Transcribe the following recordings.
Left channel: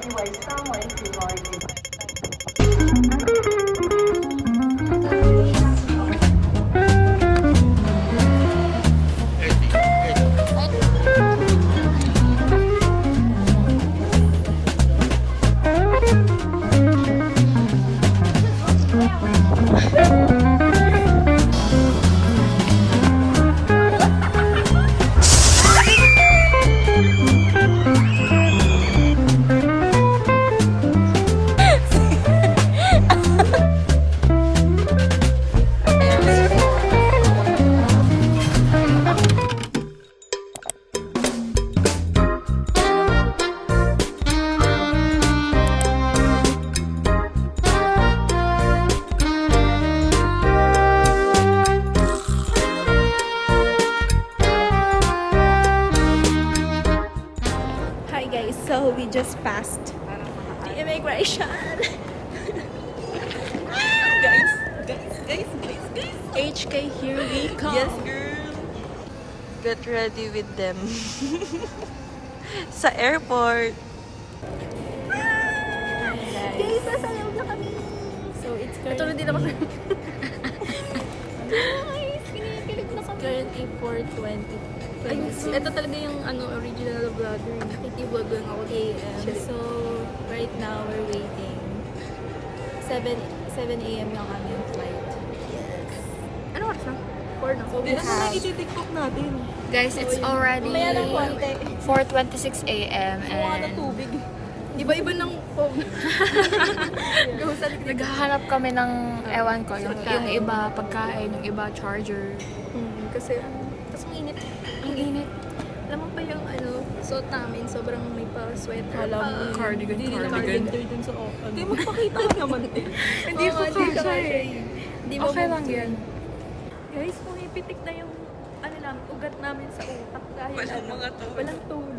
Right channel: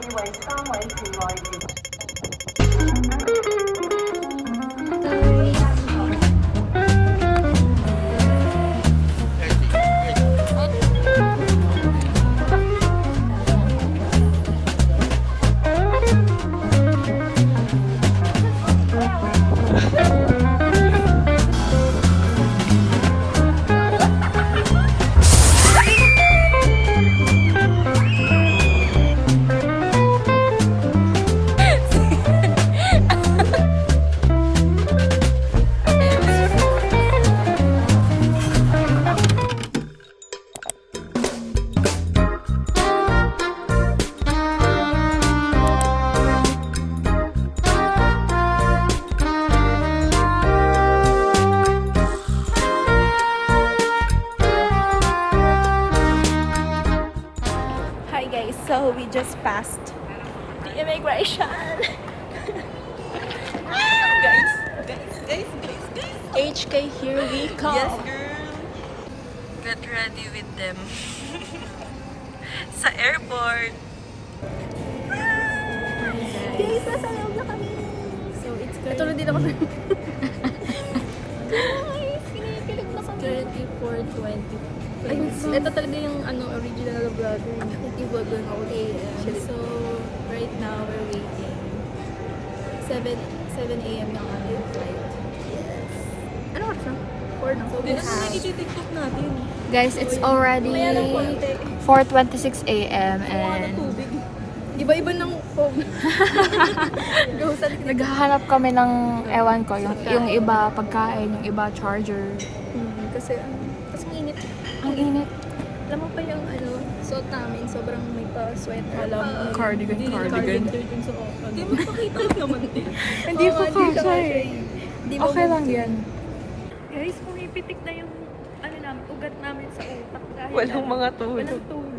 以為三位是內地。So we just passed the immigration. guys. HK, here we come. Yes, girl. Get ready with them. Sa airport. Guys, nasa loob na kami. So it's ito na din ako sa... Guys, kinikilig na kami. 34:20. Ayun, ito talaga yung original na vlogger. Nakiki-vlog lang ako. So, right now, we're waiting. 7 a.m. yung aming flight. Yes. Ano oras na? 4 na. So, we have... TikTok natin. Guys, it's already 4:26 a.m. and... Iba-iba ng phone. Naghahanap kami ng, ewan ko, yung iba pagkain, yung iba charger. Kasi, tapos mainit. Ang init. Alam mo pa yung suot namin, sobrang may pa-sweater pa. Cardigan. Hindi mo pakita naman din. Hindi ko kasha Hindi mo Okay lang yan. Guys, kung ipitik na yung namin, ugat namin sa utak dahil Walang mga tulog. Walang tulog.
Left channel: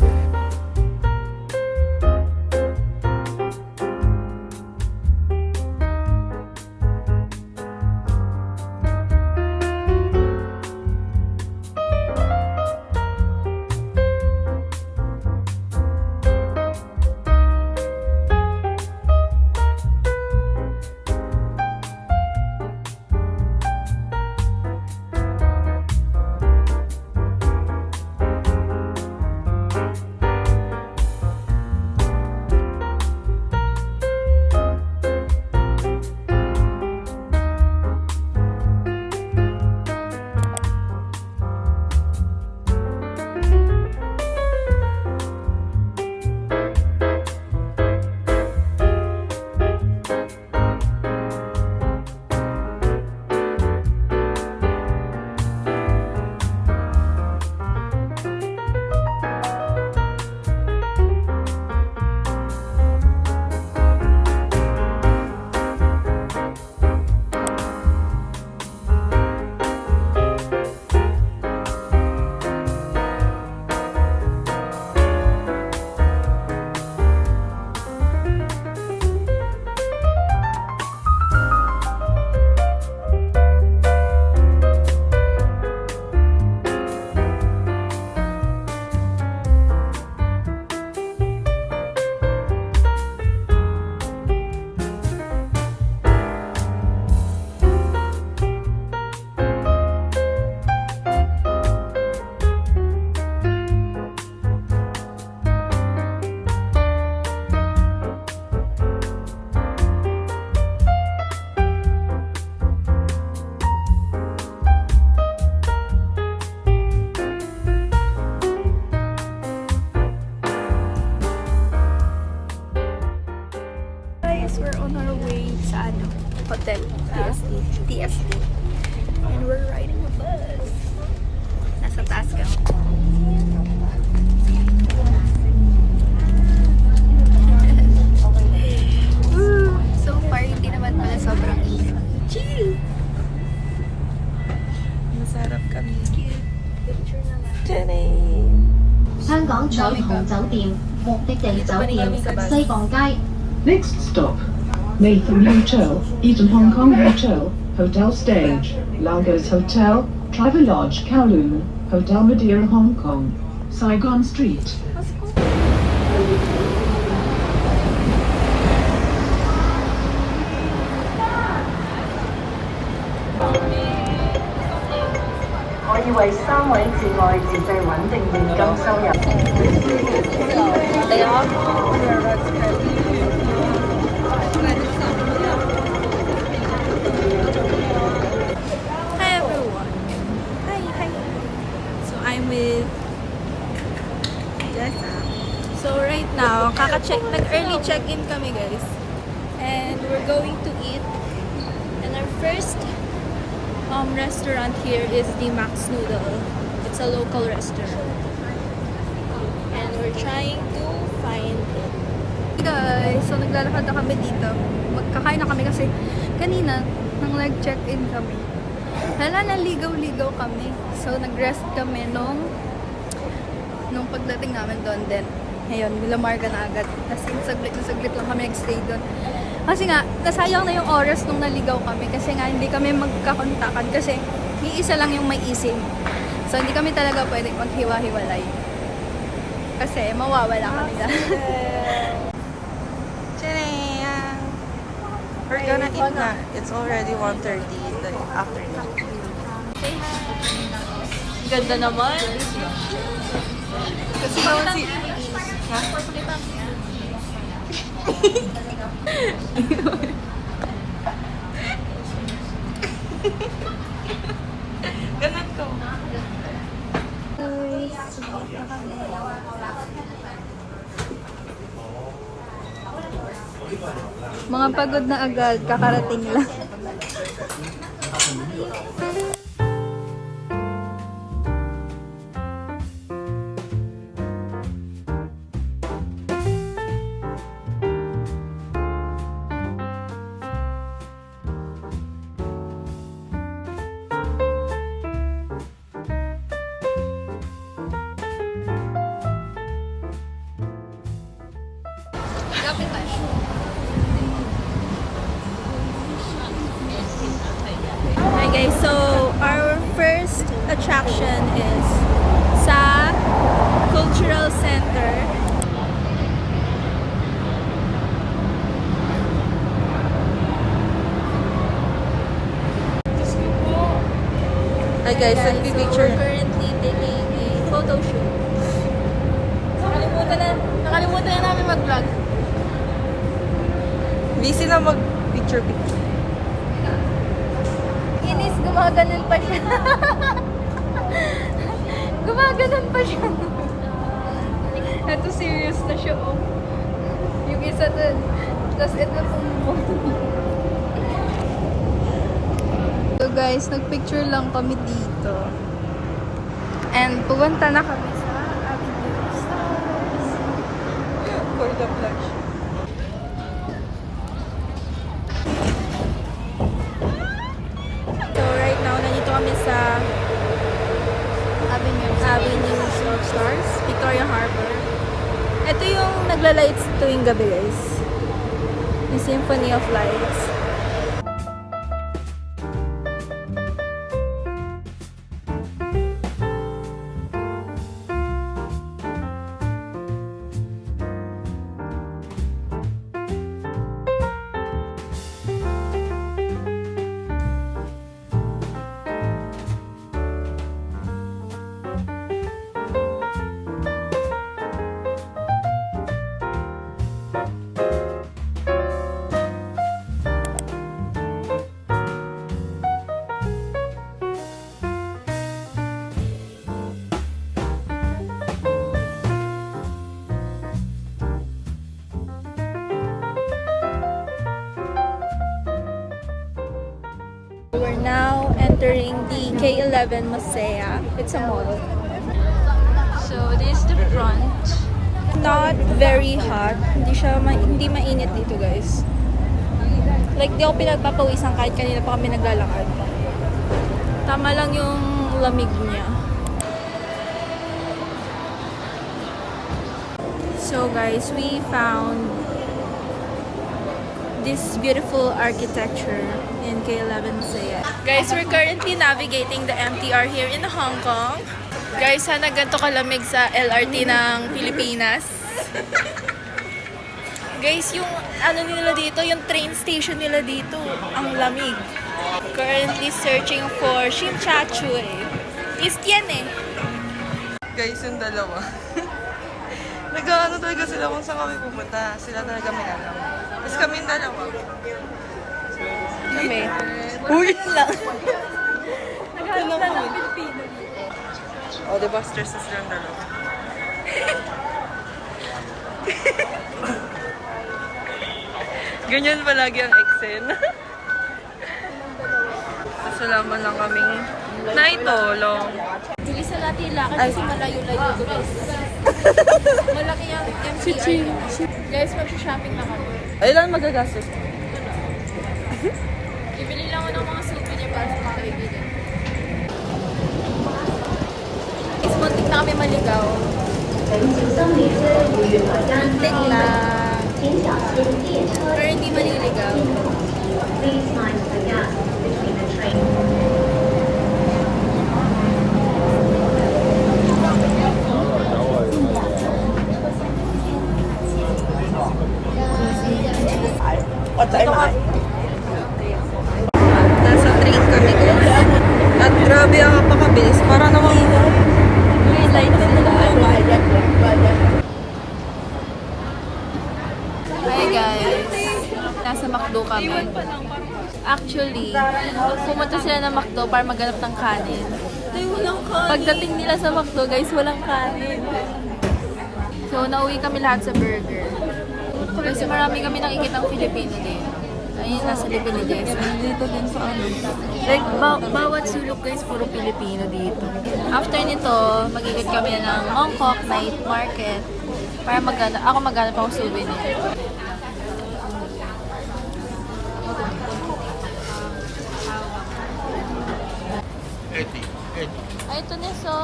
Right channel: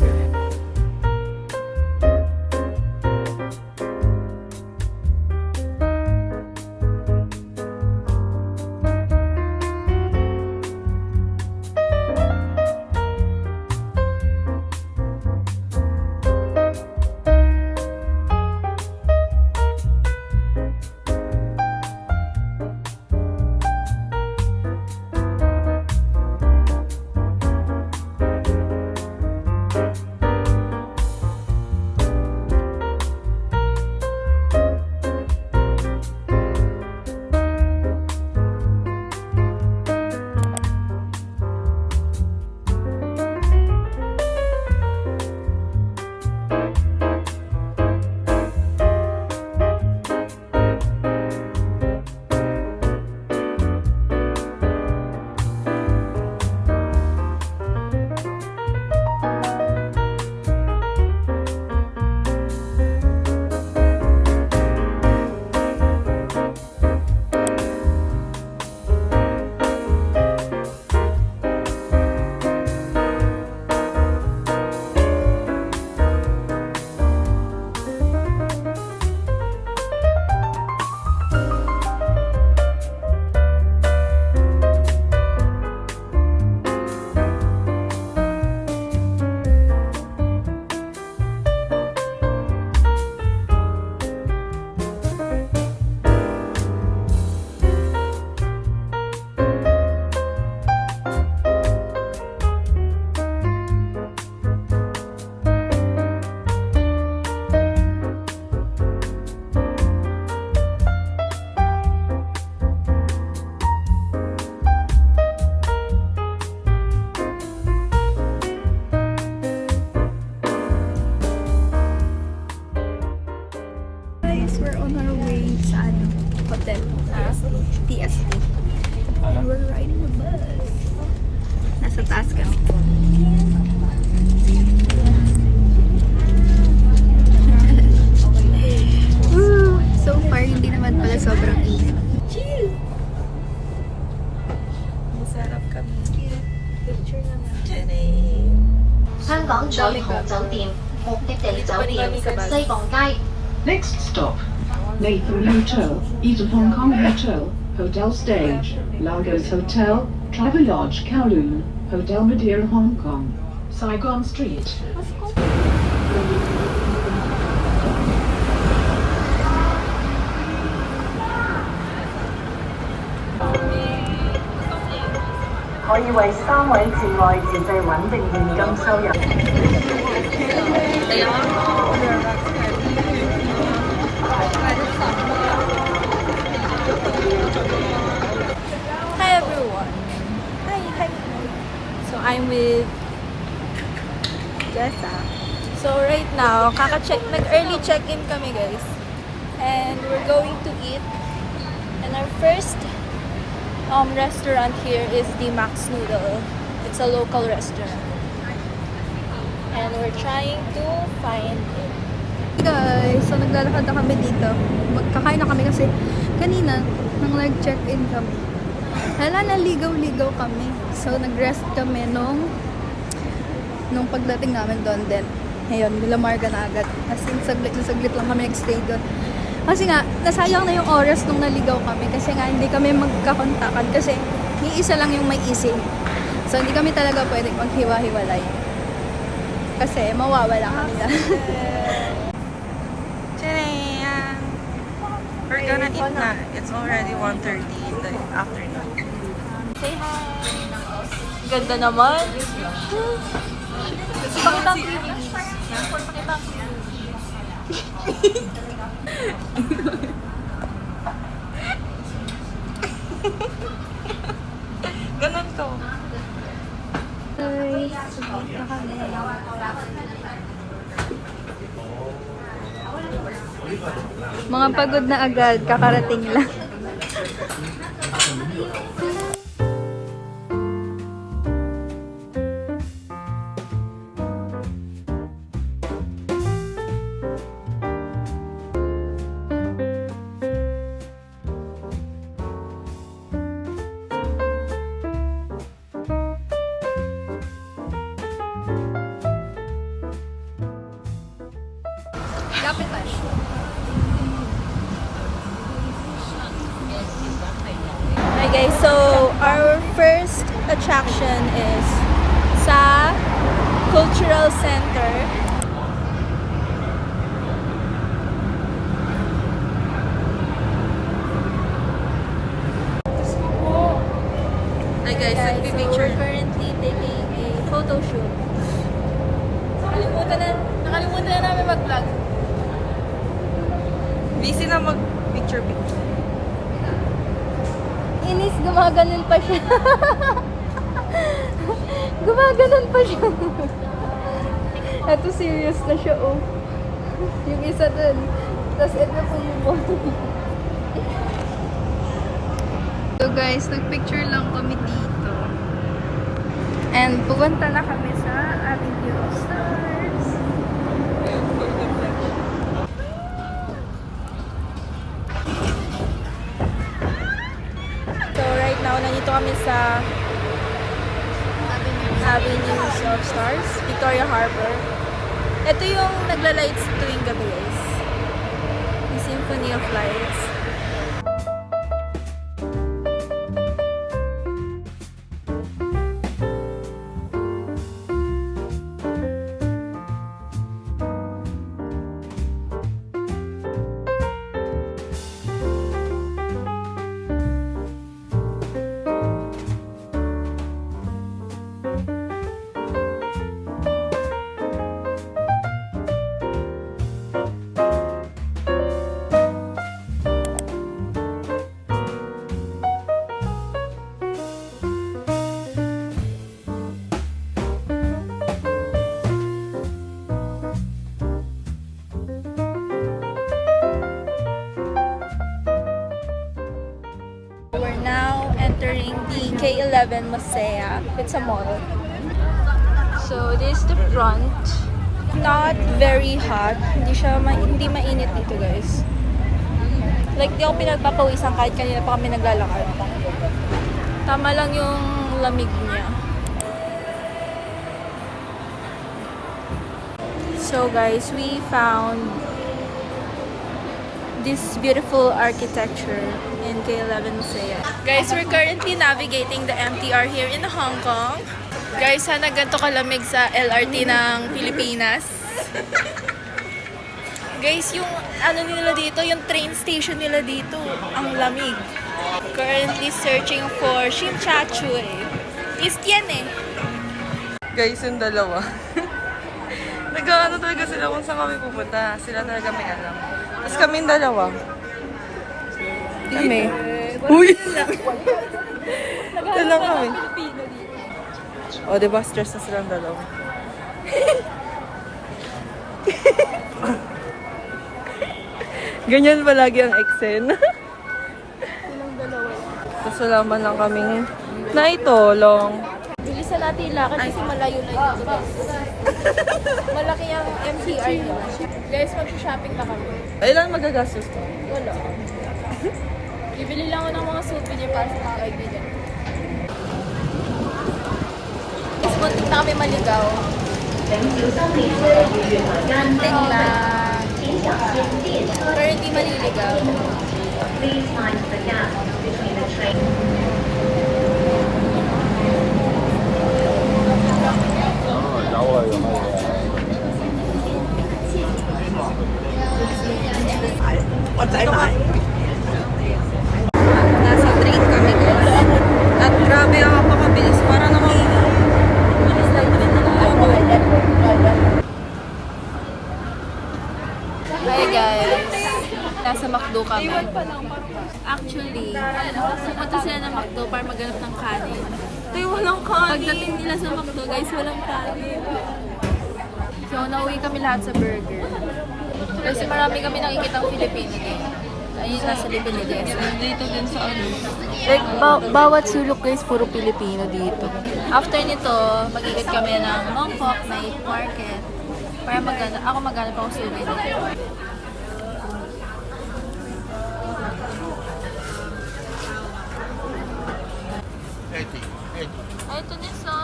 Hotel. TST. And we're riding a bus. Nasa taas kami. So far, hindi naman pala sobrang init. Chill! Masarap kami. 香港彩虹酒店目的地酒店西貢街。 Next stop, Nathan Hotel, Eden Hong Kong Hotel, Hotel Stage, Lagos Hotel, Travelodge Kowloon, Hotel Madeira Hong Kong, Saigon Street. 為3位至外自製穩定現金收入。Hi everyone! Hi! So, I'm with Jessa. So right now, nag-early check-in kami guys. And we're going to eat. And our first restaurant here is the Max Noodle. It's a local restaurant. And we're trying to find it. Guys, so naglalakad na kami dito. Magkakain na kami kasi kanina nang nag-check-in kami. Hala, naligaw-ligaw kami. So nag-rest kami nung pagdating namin doon din. Ngayon, nilamarga na agad. As in, saglit lang kami nag-stay doon. Kasi nga, nasayang na yung oras nung naligaw kami. Kasi nga, hindi kami magkakontakan. Kasi, iisa lang yung may eSIM. So, hindi kami talaga pwedeng maghiwa-hiwalay. Kasi, mawawala kami na. Tadam! We're gonna eat na. It's already 1:30 in the afternoon. Say hi! Ganda naman! Pakita ang Ganun to. mga pagod na agad, kakarating lang. Hi guys, so our first attraction is sa Cultural Center. Hi guys, So, nagpipicture. we're currently taking a photo shoot. Nakalimutan na namin mag-vlog. Busy na mag-picture-picture. Inis, gumaganon pa siya. Gumaganon pa siya. Ito serious na siya, oh. Yung isa dun. Tapos ito mo. So guys, nagpicture lang kami dito. And pupunta na kami sa Avenue of Stars. So right now, nandito kami sa Avenues of Stars, Victoria Harbor. Ito yung nagla-lights tuwing gabi guys. Yung Symphony of Lights. We're now entering the K11 Masaya. It's a mall. So this is the front. Not very hot. Hindi mainit dito guys. Like di ako pinagpapawisan kahit kanina pa kami naglalakad. Tama lang yung lamig niya. So guys, we found this beautiful architecture in K11 Masaya. Guys, we're currently navigating the MTR here in Hong Kong. Guys, sana ganito kalamig sa LRT ng Pilipinas. Guys, yung ano nila dito, yung train station nila dito, ang lamig. Currently searching for Shim Cha Tsui. East yan eh. Guys, yung dalawa. Nag-ano talaga sila kung saan kami pupunta. Sila talaga may alam. Tapos kami yung dalawa. Hindi. Uy! Naghanap lang na kami. ng Pilipino dito. O, diba stress na silang dalawa? Ganyan palagi ang Excel. Tapos wala man lang kaming naitulong. Bilisan natin lang kasi malayo-layo ito guys. Malaki ang MCR. Guys, mag-shopping na kami. Ay, lang magagastos ko. Wala. Bibili lang ako ng mga souvenir para sa mga kaibigan. Guys, muntik na kami maligaw. 请小心列車會月台間 Muntik na. 請小心列車 Pero hindi maliligaw. Please mind the gap between the train. Ito ka. Nasa train kami guys. At grabe ang kapakabilis. Para namang Hi guys! Nasa McDo kami. Actually, pumunta sila ng McDo para maghanap ng kanin. Pagdating nila sa McDo guys, walang kanin. So, nauwi kami lahat sa burger. Kasi marami kami nakikitang Filipino dito. Ayun, nasa likod ni Jessa. dito din sa ano. Like, bawat sulok guys, puro Pilipino dito. After nito, magigit kami ng Mongkok Night Market para maghanap ako souvenir. Ay, ito na so.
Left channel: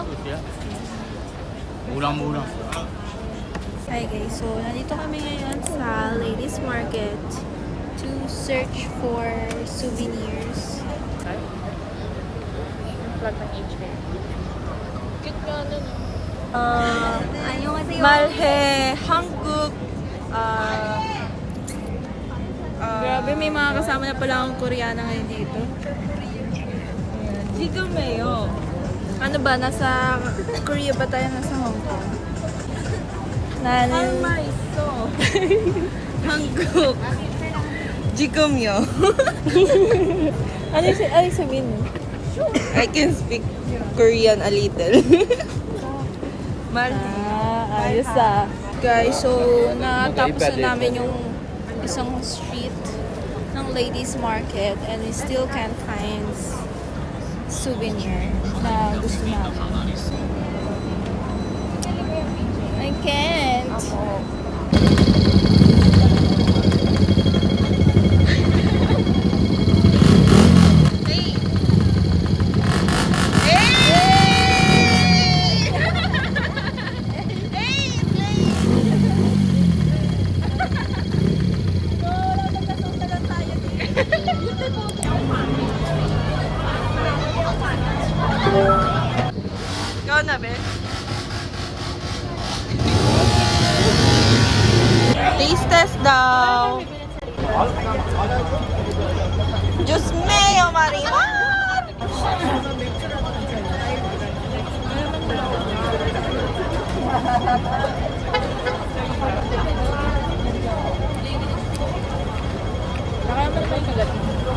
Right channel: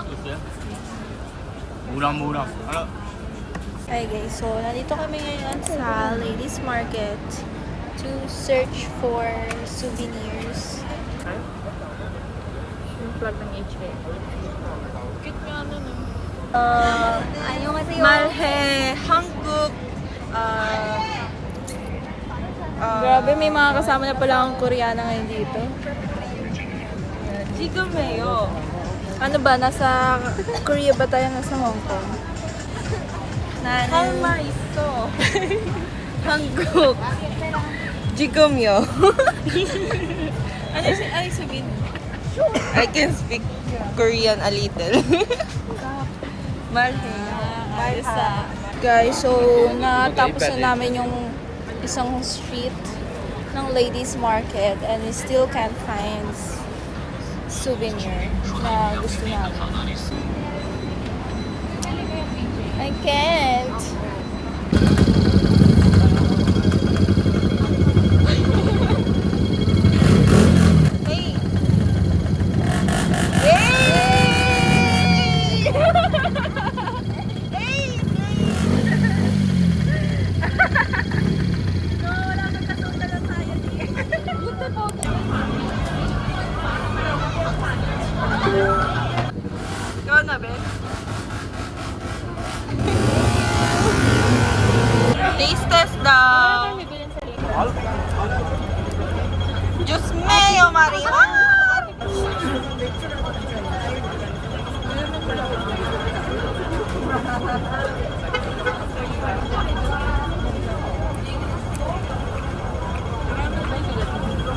Mulang-mulang. Hi guys, so nandito kami ngayon sa Ladies Market to search for souvenirs. 안녕하세요. 말해 한국 Grabe, may mga kasama na pala akong Koreana ngayon dito. 지금해요. Ano ba? Nasa Korea ba tayo? Nasa Hong Kong? 할말 있어. 한국. 지금요. Ano ay sabihin mo? I can speak Korean a little. 말해. Ayos ah. Guys, so natapos na namin yung isang street ng Ladies Market and we still can't find souvenir na gusto namin. I can't. Ikaw na, Ben? Taste test daw. Diyos mayo, Marimar!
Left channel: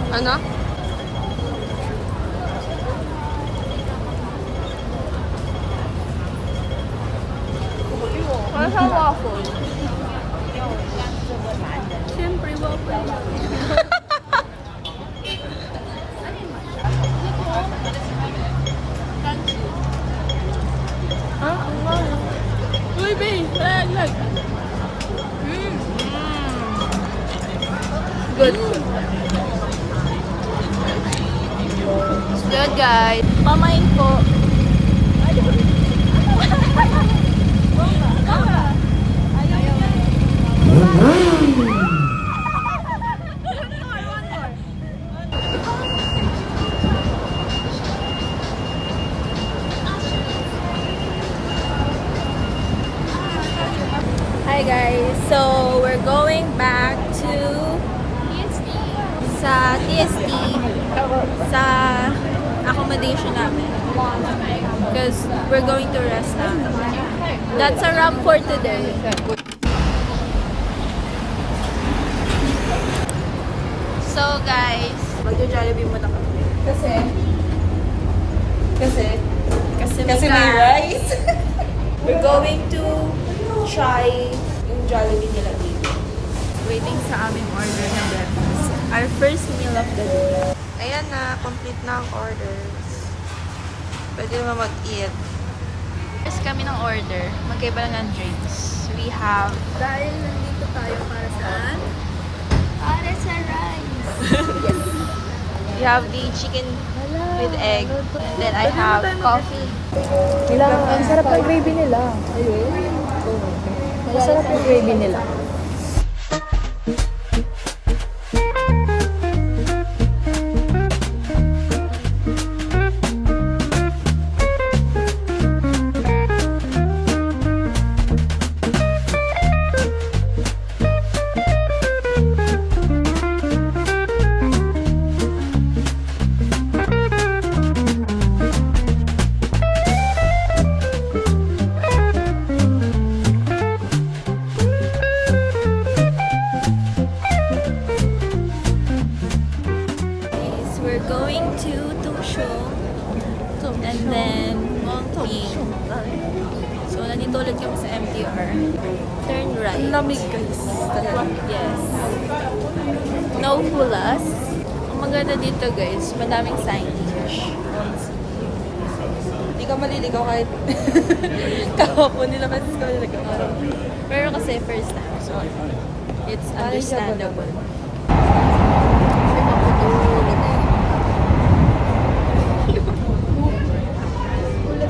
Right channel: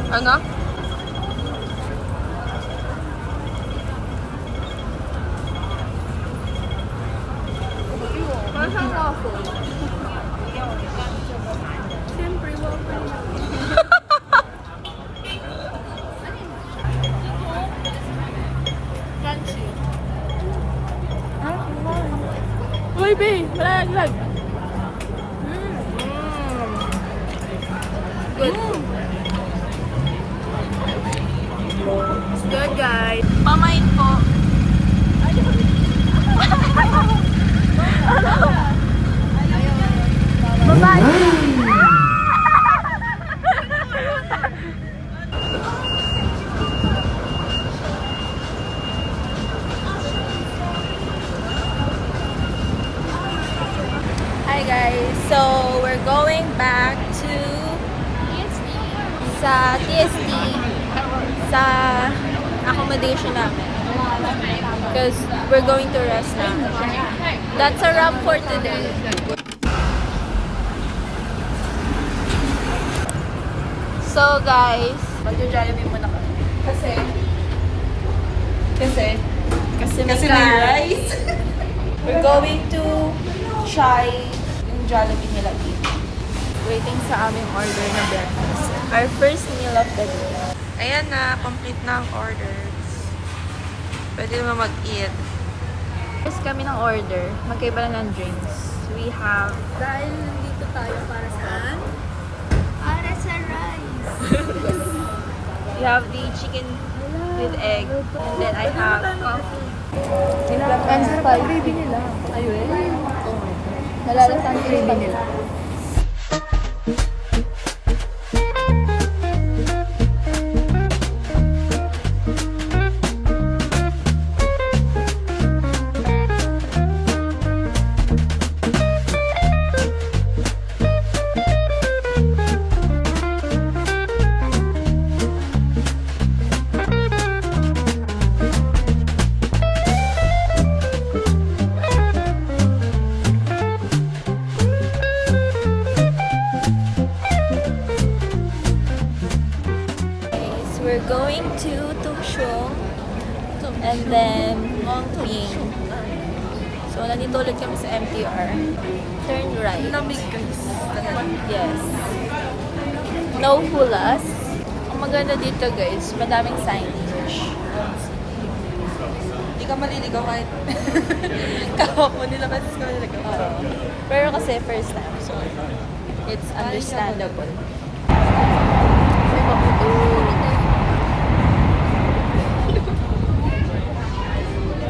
Ano? Ano sa waffle? Siyempre, waffle. Baby, bag. Good. Good, guys. Pamain po. Hi guys, so we're going back to sa TST sa accommodation namin. because we're going to rest now. That's a wrap for today. So guys, magja-Jollibee muna kami. Kasi may rice. We're going to try yung Jollibee nila dito. Waiting sa aming order na breakfast. Our first meal of the day. Ayan na, complete na ang orders. Pwede naman mag-eat. Yes, kami ng order. Magkaiba lang ng drinks. We have... Dahil nandito tayo para saan? Para sa rice. We have the chicken with egg. And then I have coffee. Ang sarap ang gravy nila. Ayun. Oh my God. Sarap ang gravy nila. We're going to Tumshong and then Mongping. So, nandito ulit kami sa MTR. Turn right. Lamig guys. Yes. No hulas. Ang maganda dito guys, madaming signage. Hindi ka maliligaw kahit kahapon nila kasi ka maliligaw. Pero kasi first time, so it's understandable.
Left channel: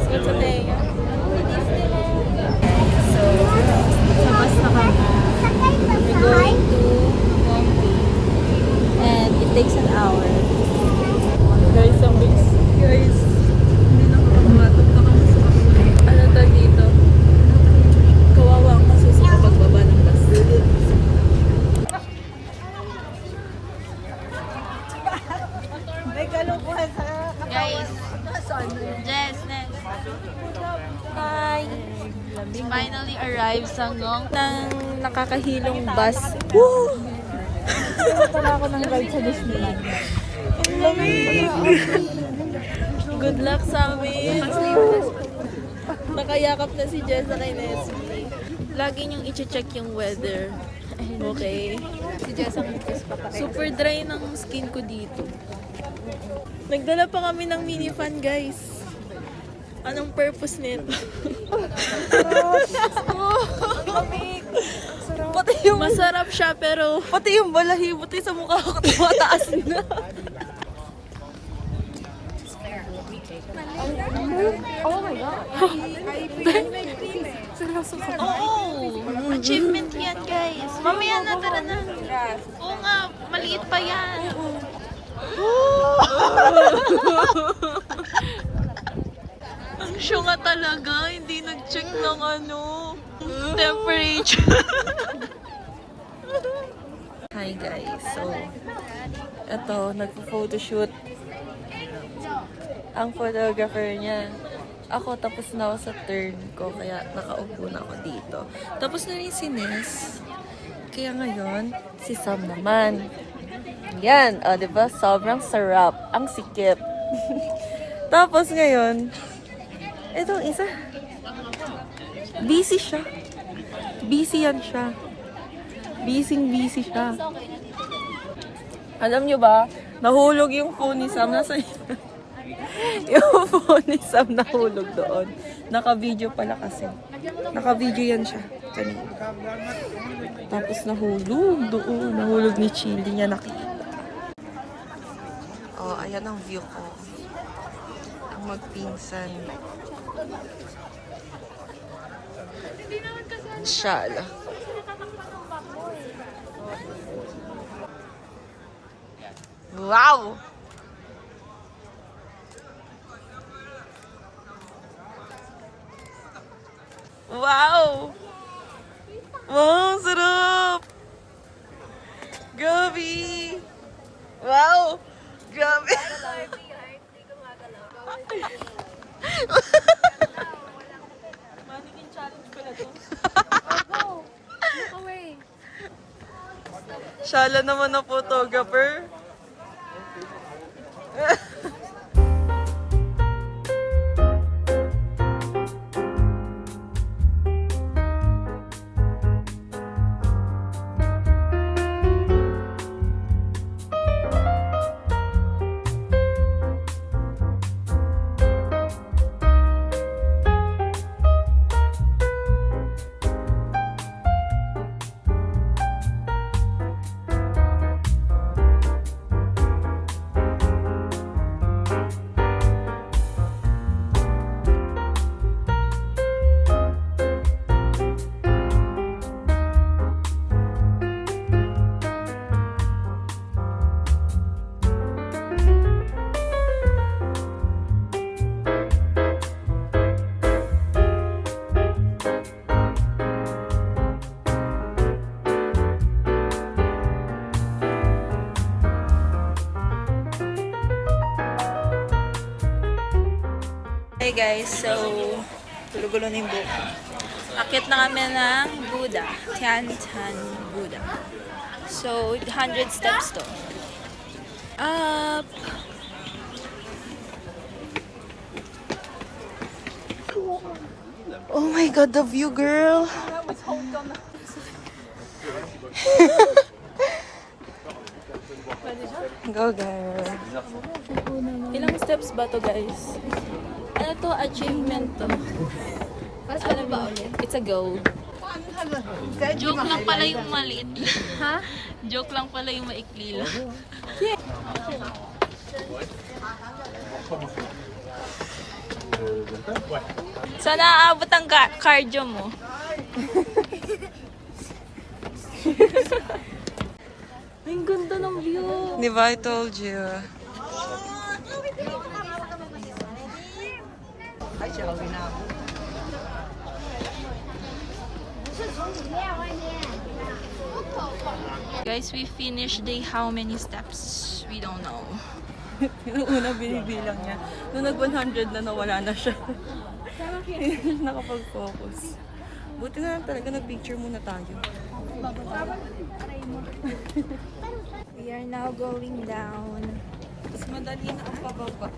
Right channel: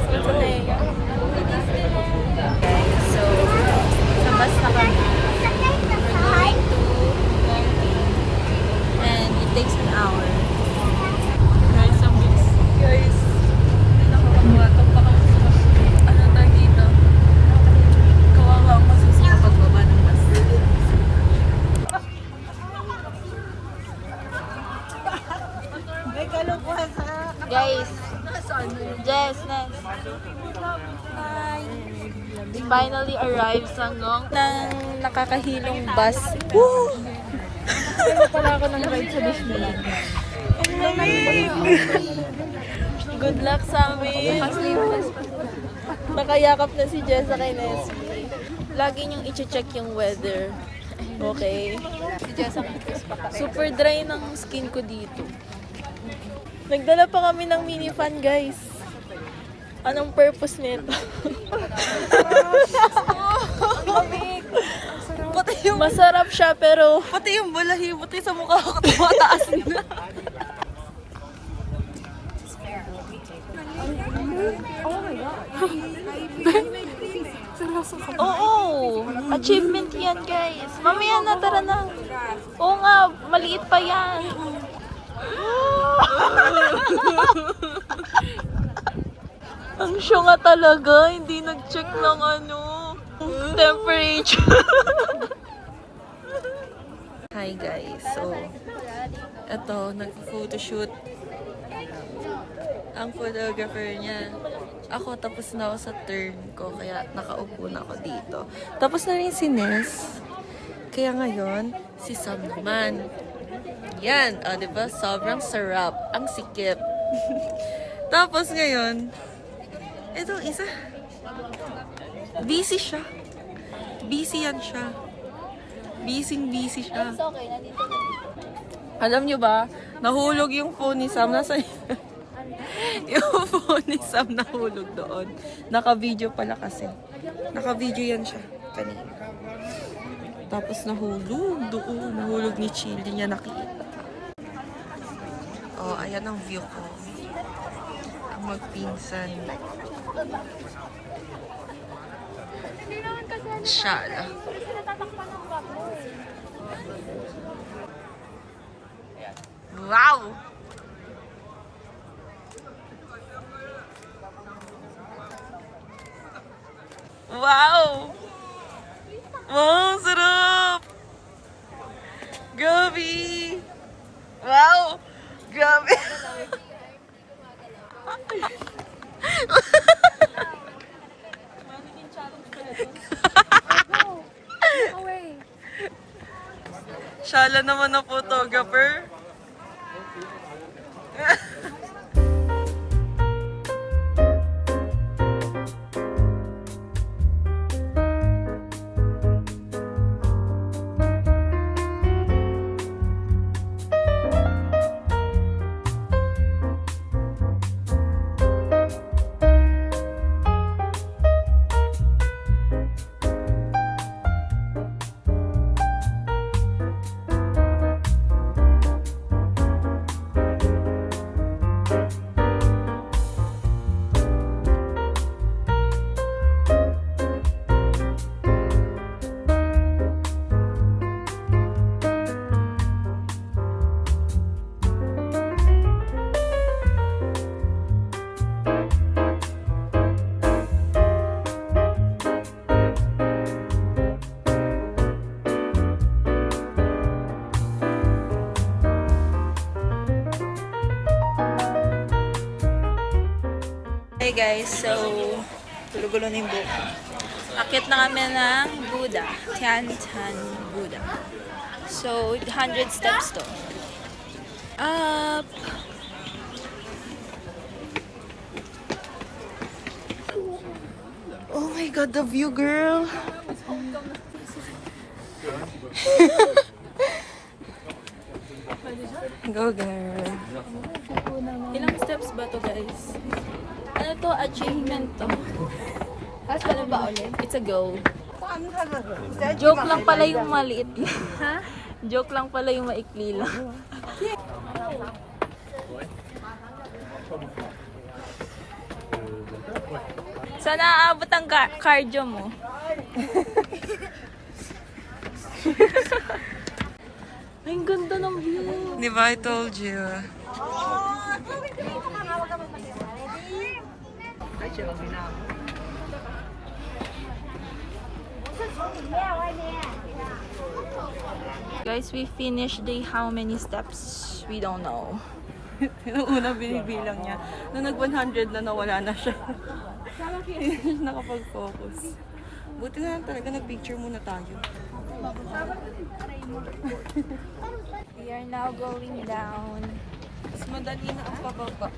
What's the thing? So, sa bus na kami. We're going to Mongping. And it takes an hour. Guys, ang bilis. Guys, hindi nakakamatok na kami sa ano ta dito. Kawawa ang masusi kapag baba ng bus. Guys, Jess, Ness. Hi! We finally arrived sa Ngong ng nakakahilong bus. Woo! Para ako ng ride sa Disneyland. Ang lamig! Good luck sa amin! Nakayakap na si Jess kay Nesby. Lagi niyong i-check yung weather. Okay? Si Jess ang Super dry ng skin ko dito. Nagdala pa kami ng mini fan, guys. Anong purpose nito? Masarap siya, pero Pati yung balahibuti sa mukha ko tumataas na. oo, achievement yan, guys. Mamaya na, tara na. Oo nga, maliit pa yan. Ang syunga talaga, hindi nag-check ng temperature. Hi guys, so eto, nagpo-photoshoot ang photographer niya. Ako, tapos na ako sa turn ko, kaya nakaupo na ako dito. Tapos na rin si Ness. Kaya ngayon, si Sam naman. Yan, diba? Sobrang sarap. Ang sikip. Tapos ngayon, itong isa. Busy siya. Busy yan siya. Busy siya. Alam nyo ba, nahulog yung phone ni Sam. Nasa yung phone ni Sam nahulog doon. Naka-video pala kasi. Naka-video yan siya. Kanina. Tapos nahulog doon. Nahulog ni Chili niya nakita. Oh, ayan ang view ko. Ang magpinsan. Shala. Wow! Wow! Wow, sarap! Gabi! Wow! Grabe! Shala naman na photographer. Hey guys, so gulo-gulo na yung buhok. Akit na kami ng Buddha, Tiantan Buddha. So 100 steps to. Up. Oh my god, the view, girl. Go girl. Ilang steps ba to, guys? Ano to? Achievement to. Alam mo, it's a goal. Joke lang pala yung maliit. Ha? Joke lang pala yung maikli lang. Sana aabot ang cardio mo. Ay, ang ganda ng view. Di ba? I told you. Guys, we finished the how many steps? We don't know. Yung una binibilang niya. Nung nag-100 na nawala na siya. Hindi nakapag-focus. Buti na lang talaga nag-picture muna tayo. We are now going down. Mas madali na ang pababa.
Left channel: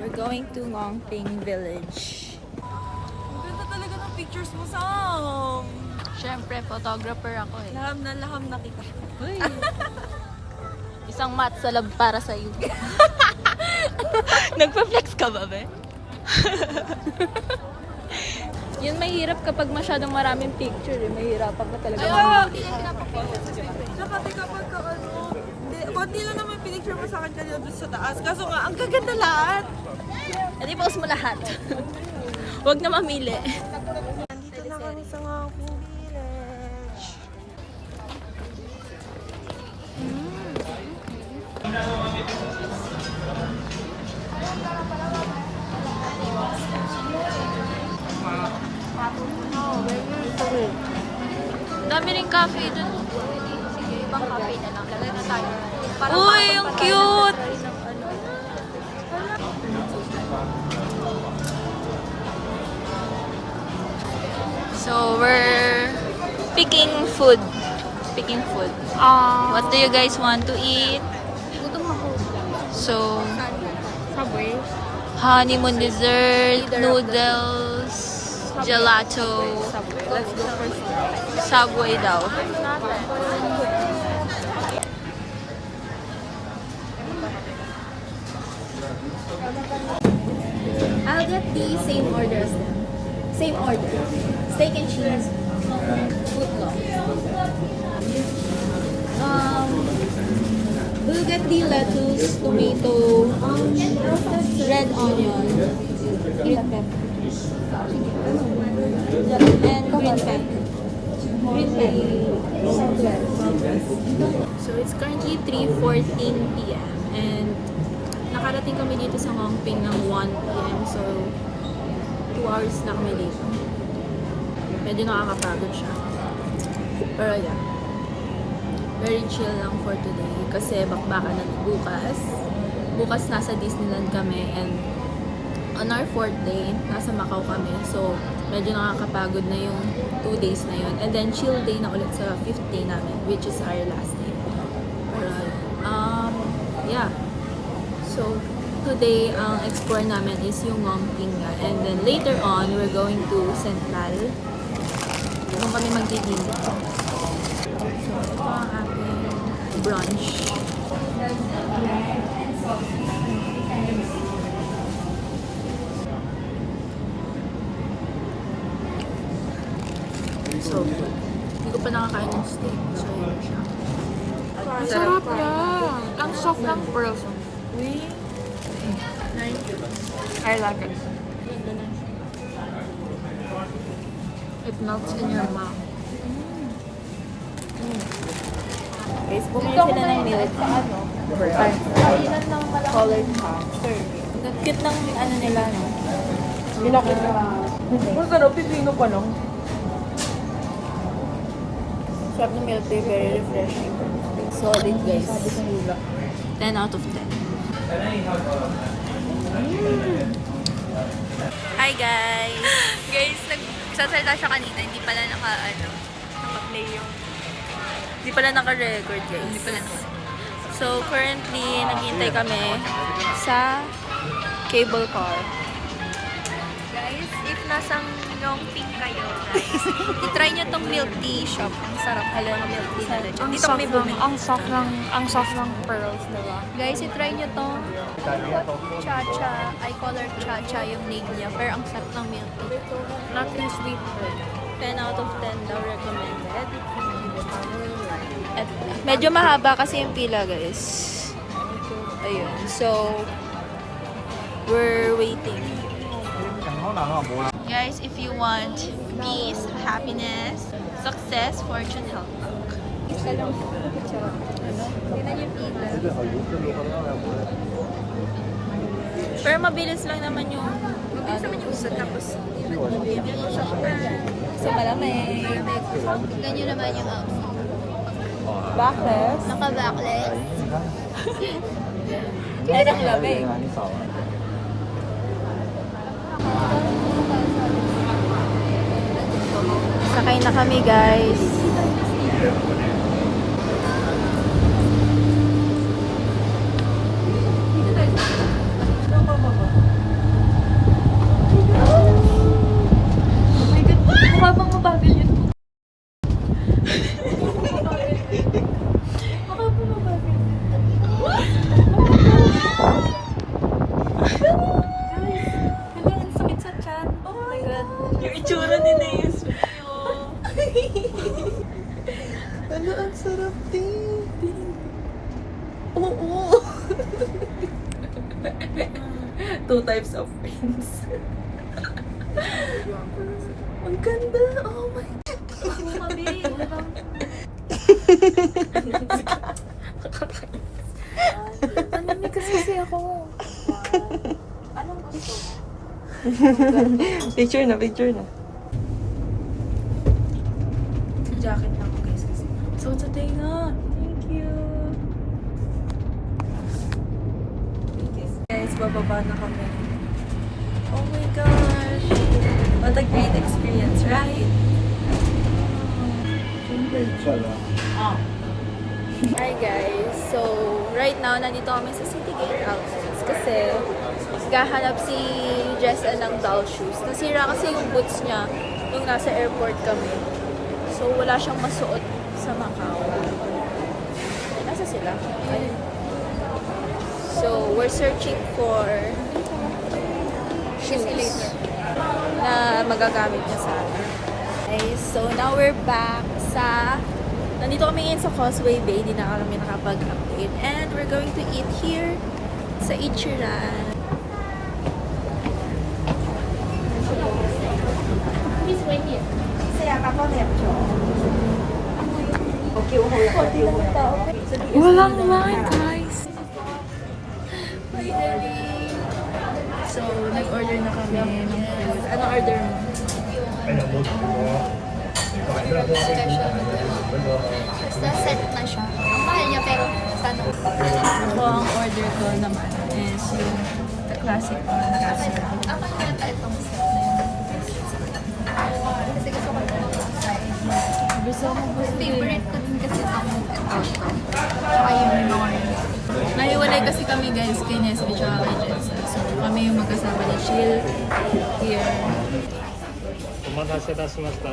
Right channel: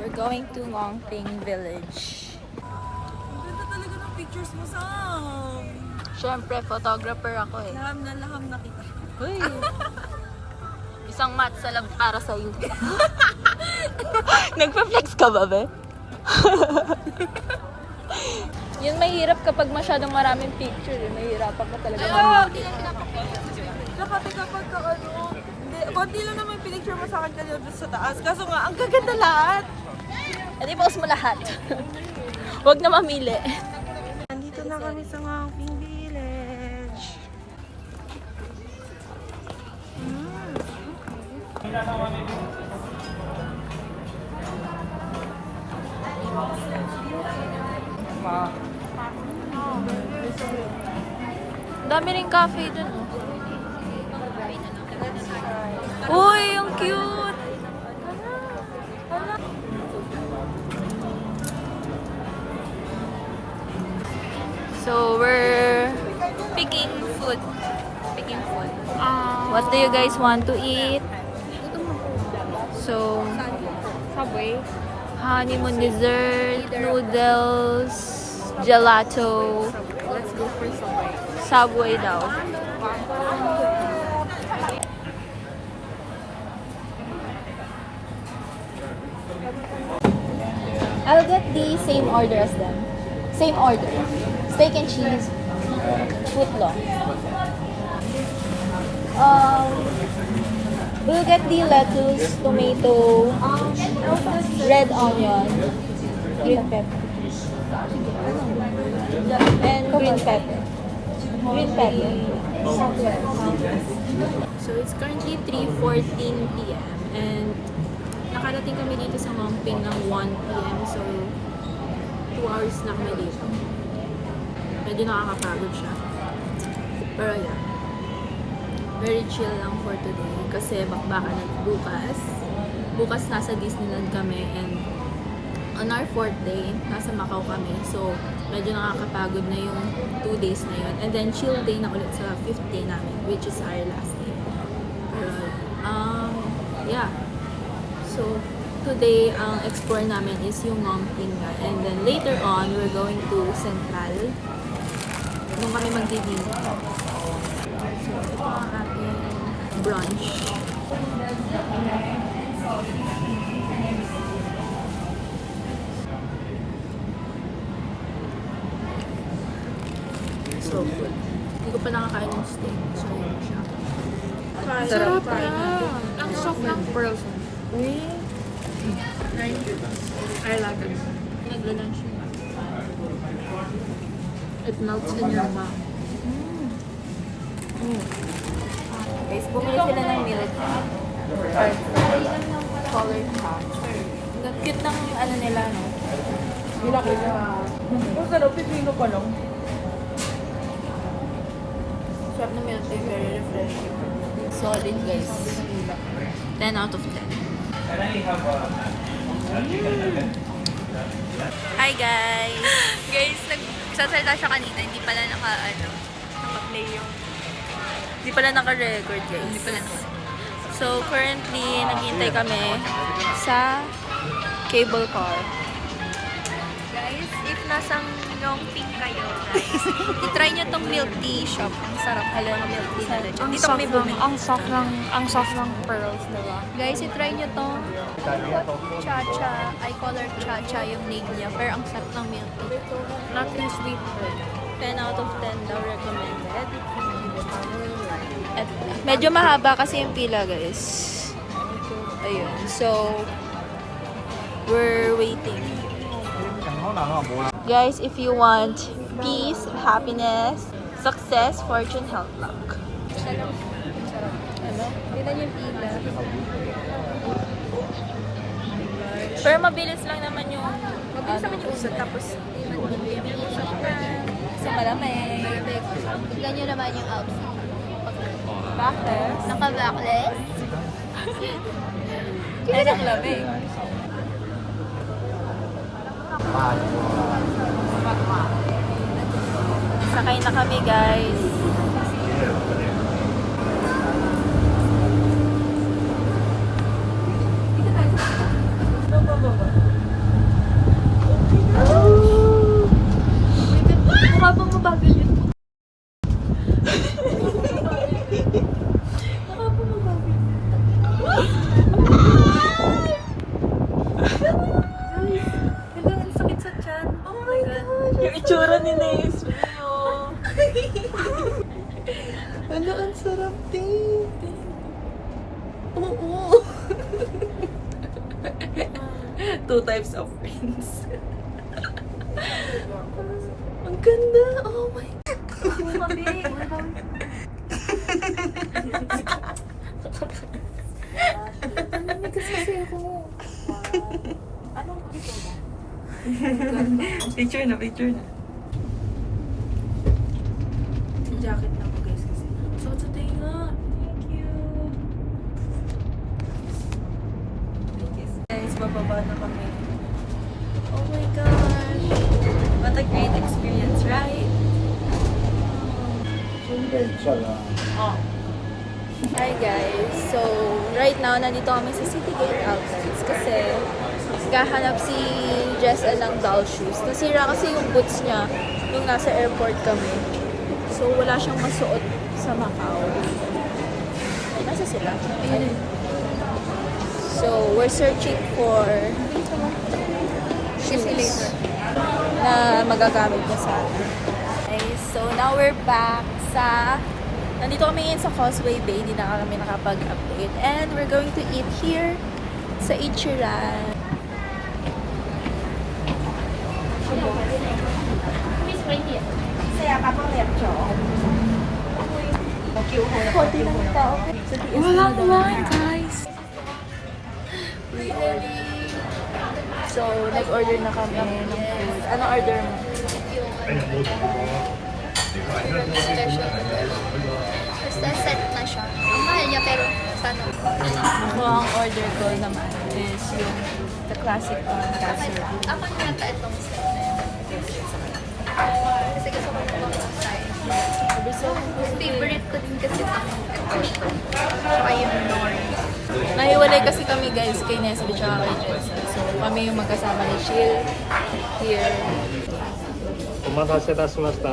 We're going to Longping Village. Ang ganda talaga ng pictures mo, Sam! Siyempre, photographer ako eh. Laham na kita. Uy. Isang mat sa lab para sa'yo. Nagpa-flex ka ba, be? Yun mahirap kapag masyadong maraming picture. Yun mahirapan ka talaga. Saka kapag ka ano, konti lang naman pinicture mo sa akin kanina doon sa taas. Kaso nga, ang gaganda lahat. E di post mo lahat. Huwag na mamili. Nandito na kami sa Longping Village. Dami rin cafe dun, oh. Ibang cafe na lang. Lagay na tayo. Uy, ang cute! So, we're picking food. Picking food. What do you guys want to eat? So, Subway. honeymoon dessert, noodles, gelato. Let's go for Subway. Subway daw. I'll get the same order as them. Same order. Steak and cheese, footlong. We'll get the lettuce, tomato, red onion, green pepper, and green pepper. Green pepper. So it's currently 3:14 p.m. and nakarating kami dito sa Longping ng 1 p.m. So 2 hours na kami dito. Medyo nakakapagod siya. Pero yeah. Very chill lang for today kasi bakbakan na bukas. Bukas nasa Disneyland kami and on our 4th day, nasa Macau kami. So, medyo nakakapagod na yung 2 days na yun. And then, chill day na ulit sa 5th day namin, which is our last day. Pero, yeah. So, today, ang explore namin is yung Ngongping nga. And then later on, we're going to Central. Doon kami magdi-dinner. So, ito ang ating brunch. So good. Hindi ko pa nakakain ng steak. So, yun siya. Sarap na. Ang soft ng pearls. I love it. Naglalan siya. It melts in your mouth. Guys, bumili sila ng milk. Colored chai. Ang cute ng ano nila, no? Masarap, pipino pa no? Sarap ng milk tea, very refreshing. Solid, guys. 10 out of 10. Hi, guys! Guys, nagsasalita siya kanina, hindi pala naka-play yung... Hindi pala naka-record, guys. Hindi pala So, currently, naghihintay kami sa cable car. Guys, if nasang Ngongping kayo, guys, itry nyo tong milk tea shop. Ang sarap pala ng milk tea nila. Dito kami bumili. Ang soft ng pearls, diba? Guys, itry nyo tong Cha-Cha. I color Cha-Cha yung name niya. Pero ang sarap ng milk tea. Not too sweet. 10 out of 10 daw recommended. At medyo mahaba kasi yung pila, guys. Ayun. So, we're waiting. Guys, if you want peace, happiness, success, fortune, health, luck. Ano? Tignan yung pila. Pero mabilis lang naman yung Usod, tapos hindi kami isipan. kasi malamig. Tignan nyo naman yung outfit. Backless. Naka-backless. Ang lamig. Sakay na kami, guys. Yung itsura ni Nays. Ano, ang sarap din. Oo. Two types of friends. Ang ganda. Oh my God. Naninigas kasi ako. Picture na. Jacket na ako, guys, kasi suot sa tenga. Thank you. Guys, bababa na kami. Oh my gosh. What a great experience, right? Hi guys. So, right now, nandito kami sa Citygate Outlets kasi kahanap si Jessel ng Doll Shoes. Nasira kasi yung boots niya nung nasa airport kami. So, wala siyang masuot sa Macau. Nasa sila? Ayun. So, we're searching for shoes na magagamit niya sana. Okay, so now we're back sa... Nandito kami ngayon sa Causeway Bay. Hindi na kami nakapag-update. And we're going to eat here sa Ichiran. Wala naman, guys. So, nag-order na kami ng food. Anong order mo? Basta set na siya. Ang mahal niya pero tanong. Ako, ang order ko naman is yung the classic casserole. Aman yata itong set na yun. Kasi gusto ko na mag-try. Favorite ko din kasi itong ito. Tsaka yung Nori. Nahiwalay kasi kami guys kay Nestle tsaka kay Jessa. So kami yung magkasama ni Chill here. お待たせいたしました。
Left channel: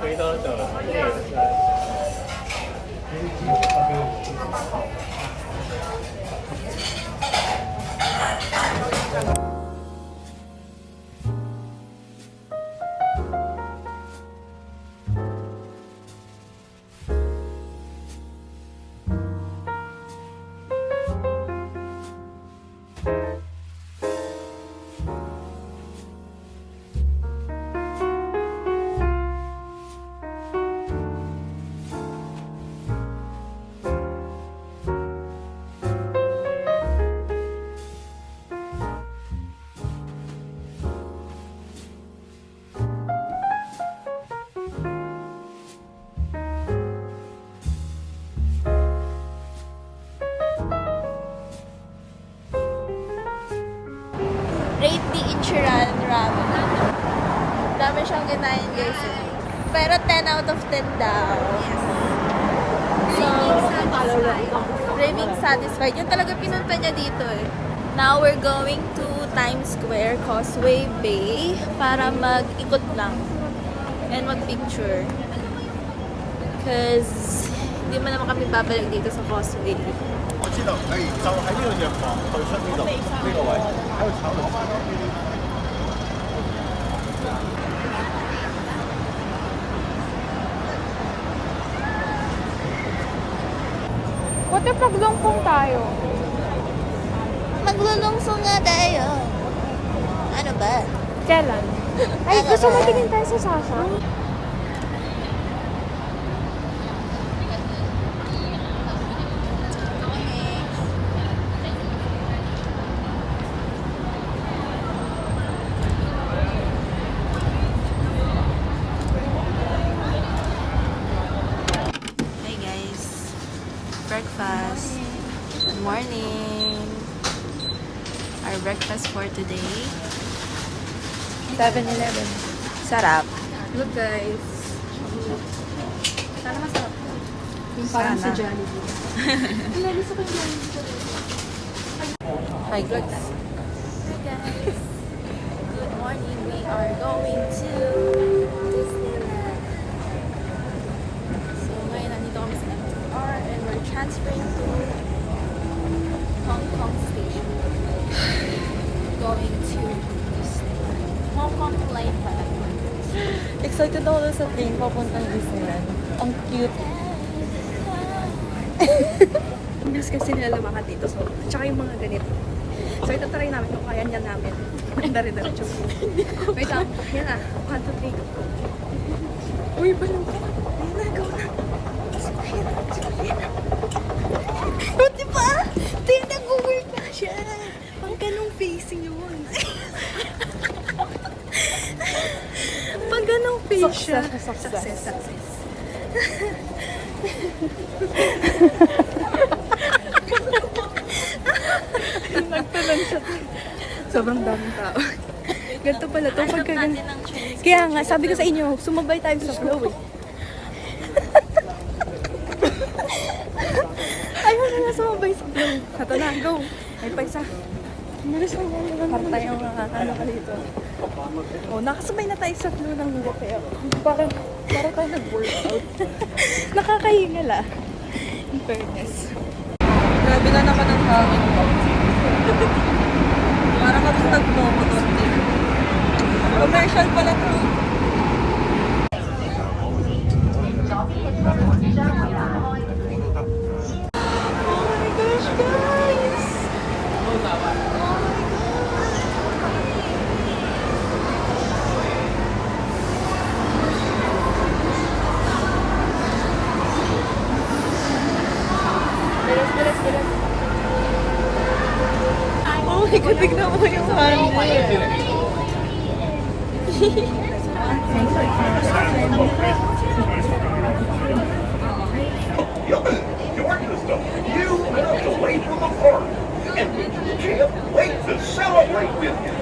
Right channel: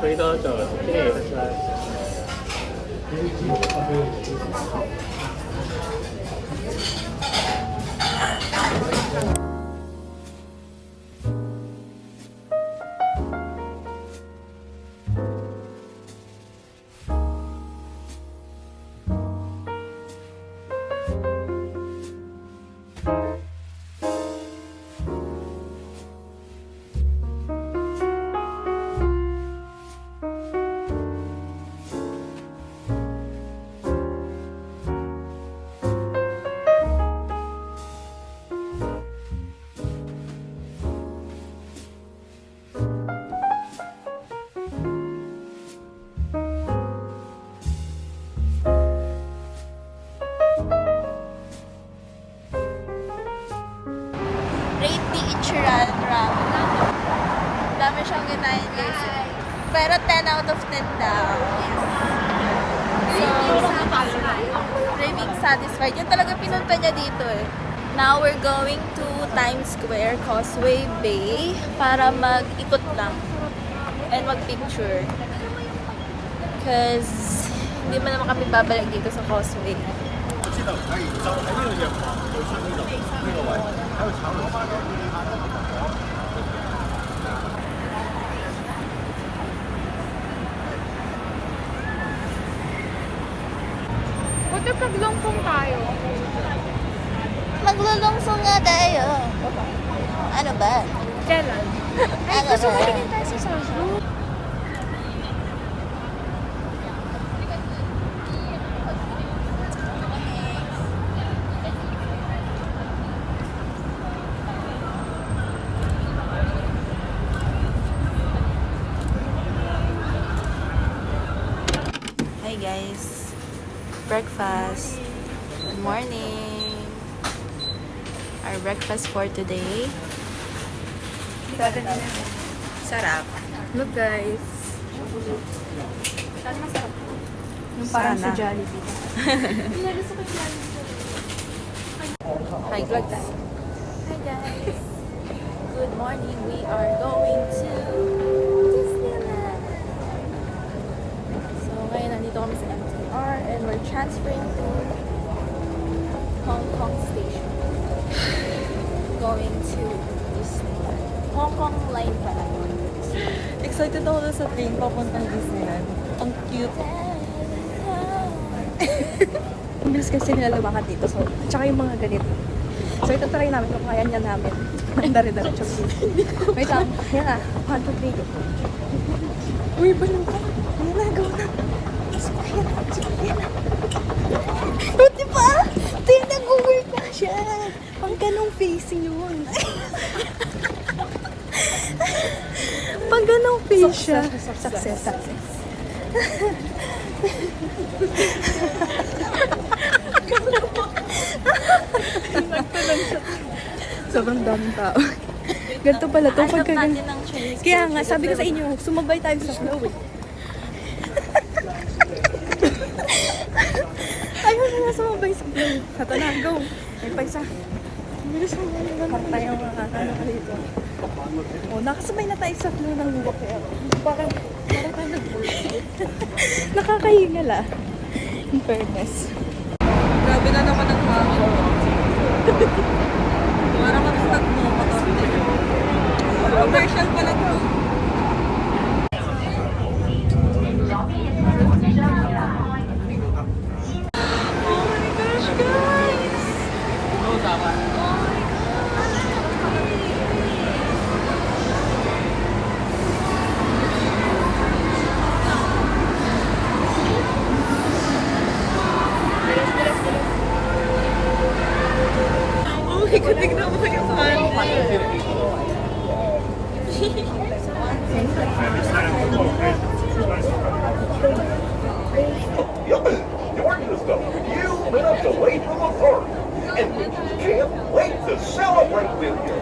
これどうぞ。失礼いたします。Rate the Ichiran Ramen. Dami siyang ginahin guys. Pero 10 out of 10 daw. So, craving satisfied. Yun talaga pinunta niya dito eh. Now we're going to Times Square, Causeway Bay para mag-ikot lang and mag-picture. Because hindi man naman kami babalik dito sa Causeway. 我知道可以，就喺呢度藥房對出呢度呢個位，喺度炒涼茶。 What if naglungkong tayo? Maglulungsong nga tayo. Ano ba? Kailan? Ay, Ano gusto ba? mo tingin tayo sa Sasha? Hi guys. Breakfast. Good morning. Our breakfast for today. 7-Eleven. Sarap. Look guys. Sana masarap. Yung parang Sana. sa Jollibee. Hindi, gusto ko yung Jollibee. Hi guys. Hi guys. Good morning. We are going to Disneyland. So ngayon nandito kami sa MTR and we're transferring to Hong Kong Station. Going to Disneyland. Hong Kong line pala. Excited ako na sa plane papuntang Disneyland. Ang cute. Ang bilis kasi nila lumakad dito. So, at saka yung mga ganito. So, ito try namin kung kaya niya namin. Ang dari-diretso. Wait lang. Yan na. 1, 2, 3, go. Uy, balong ka. Yan na, go na. Oh, diba? Tingnan, nag-work na siya. Pang ganong face yun. Pang ganong face siya. Success. Sobrang daming tao. Ganito pala to pagka ganito. Kaya nga, sabi ko sa inyo, sumabay tayo sa flow eh. Ayaw na sumabay sa flow. Hato na, go. Ay pa isa. Harta yung mga ano ka dito. Oh, nakasabay na tayo sa flow ng walk kaya. Parang tayo nag-workout. Nakakahingal ah. In fairness. Grabe na naman ang hangin. Para kami nagmo-motor din. Commercial pala to. Oh my God, tignan mo yung hangin. You minutes away from the park. And we can't wait to celebrate with you.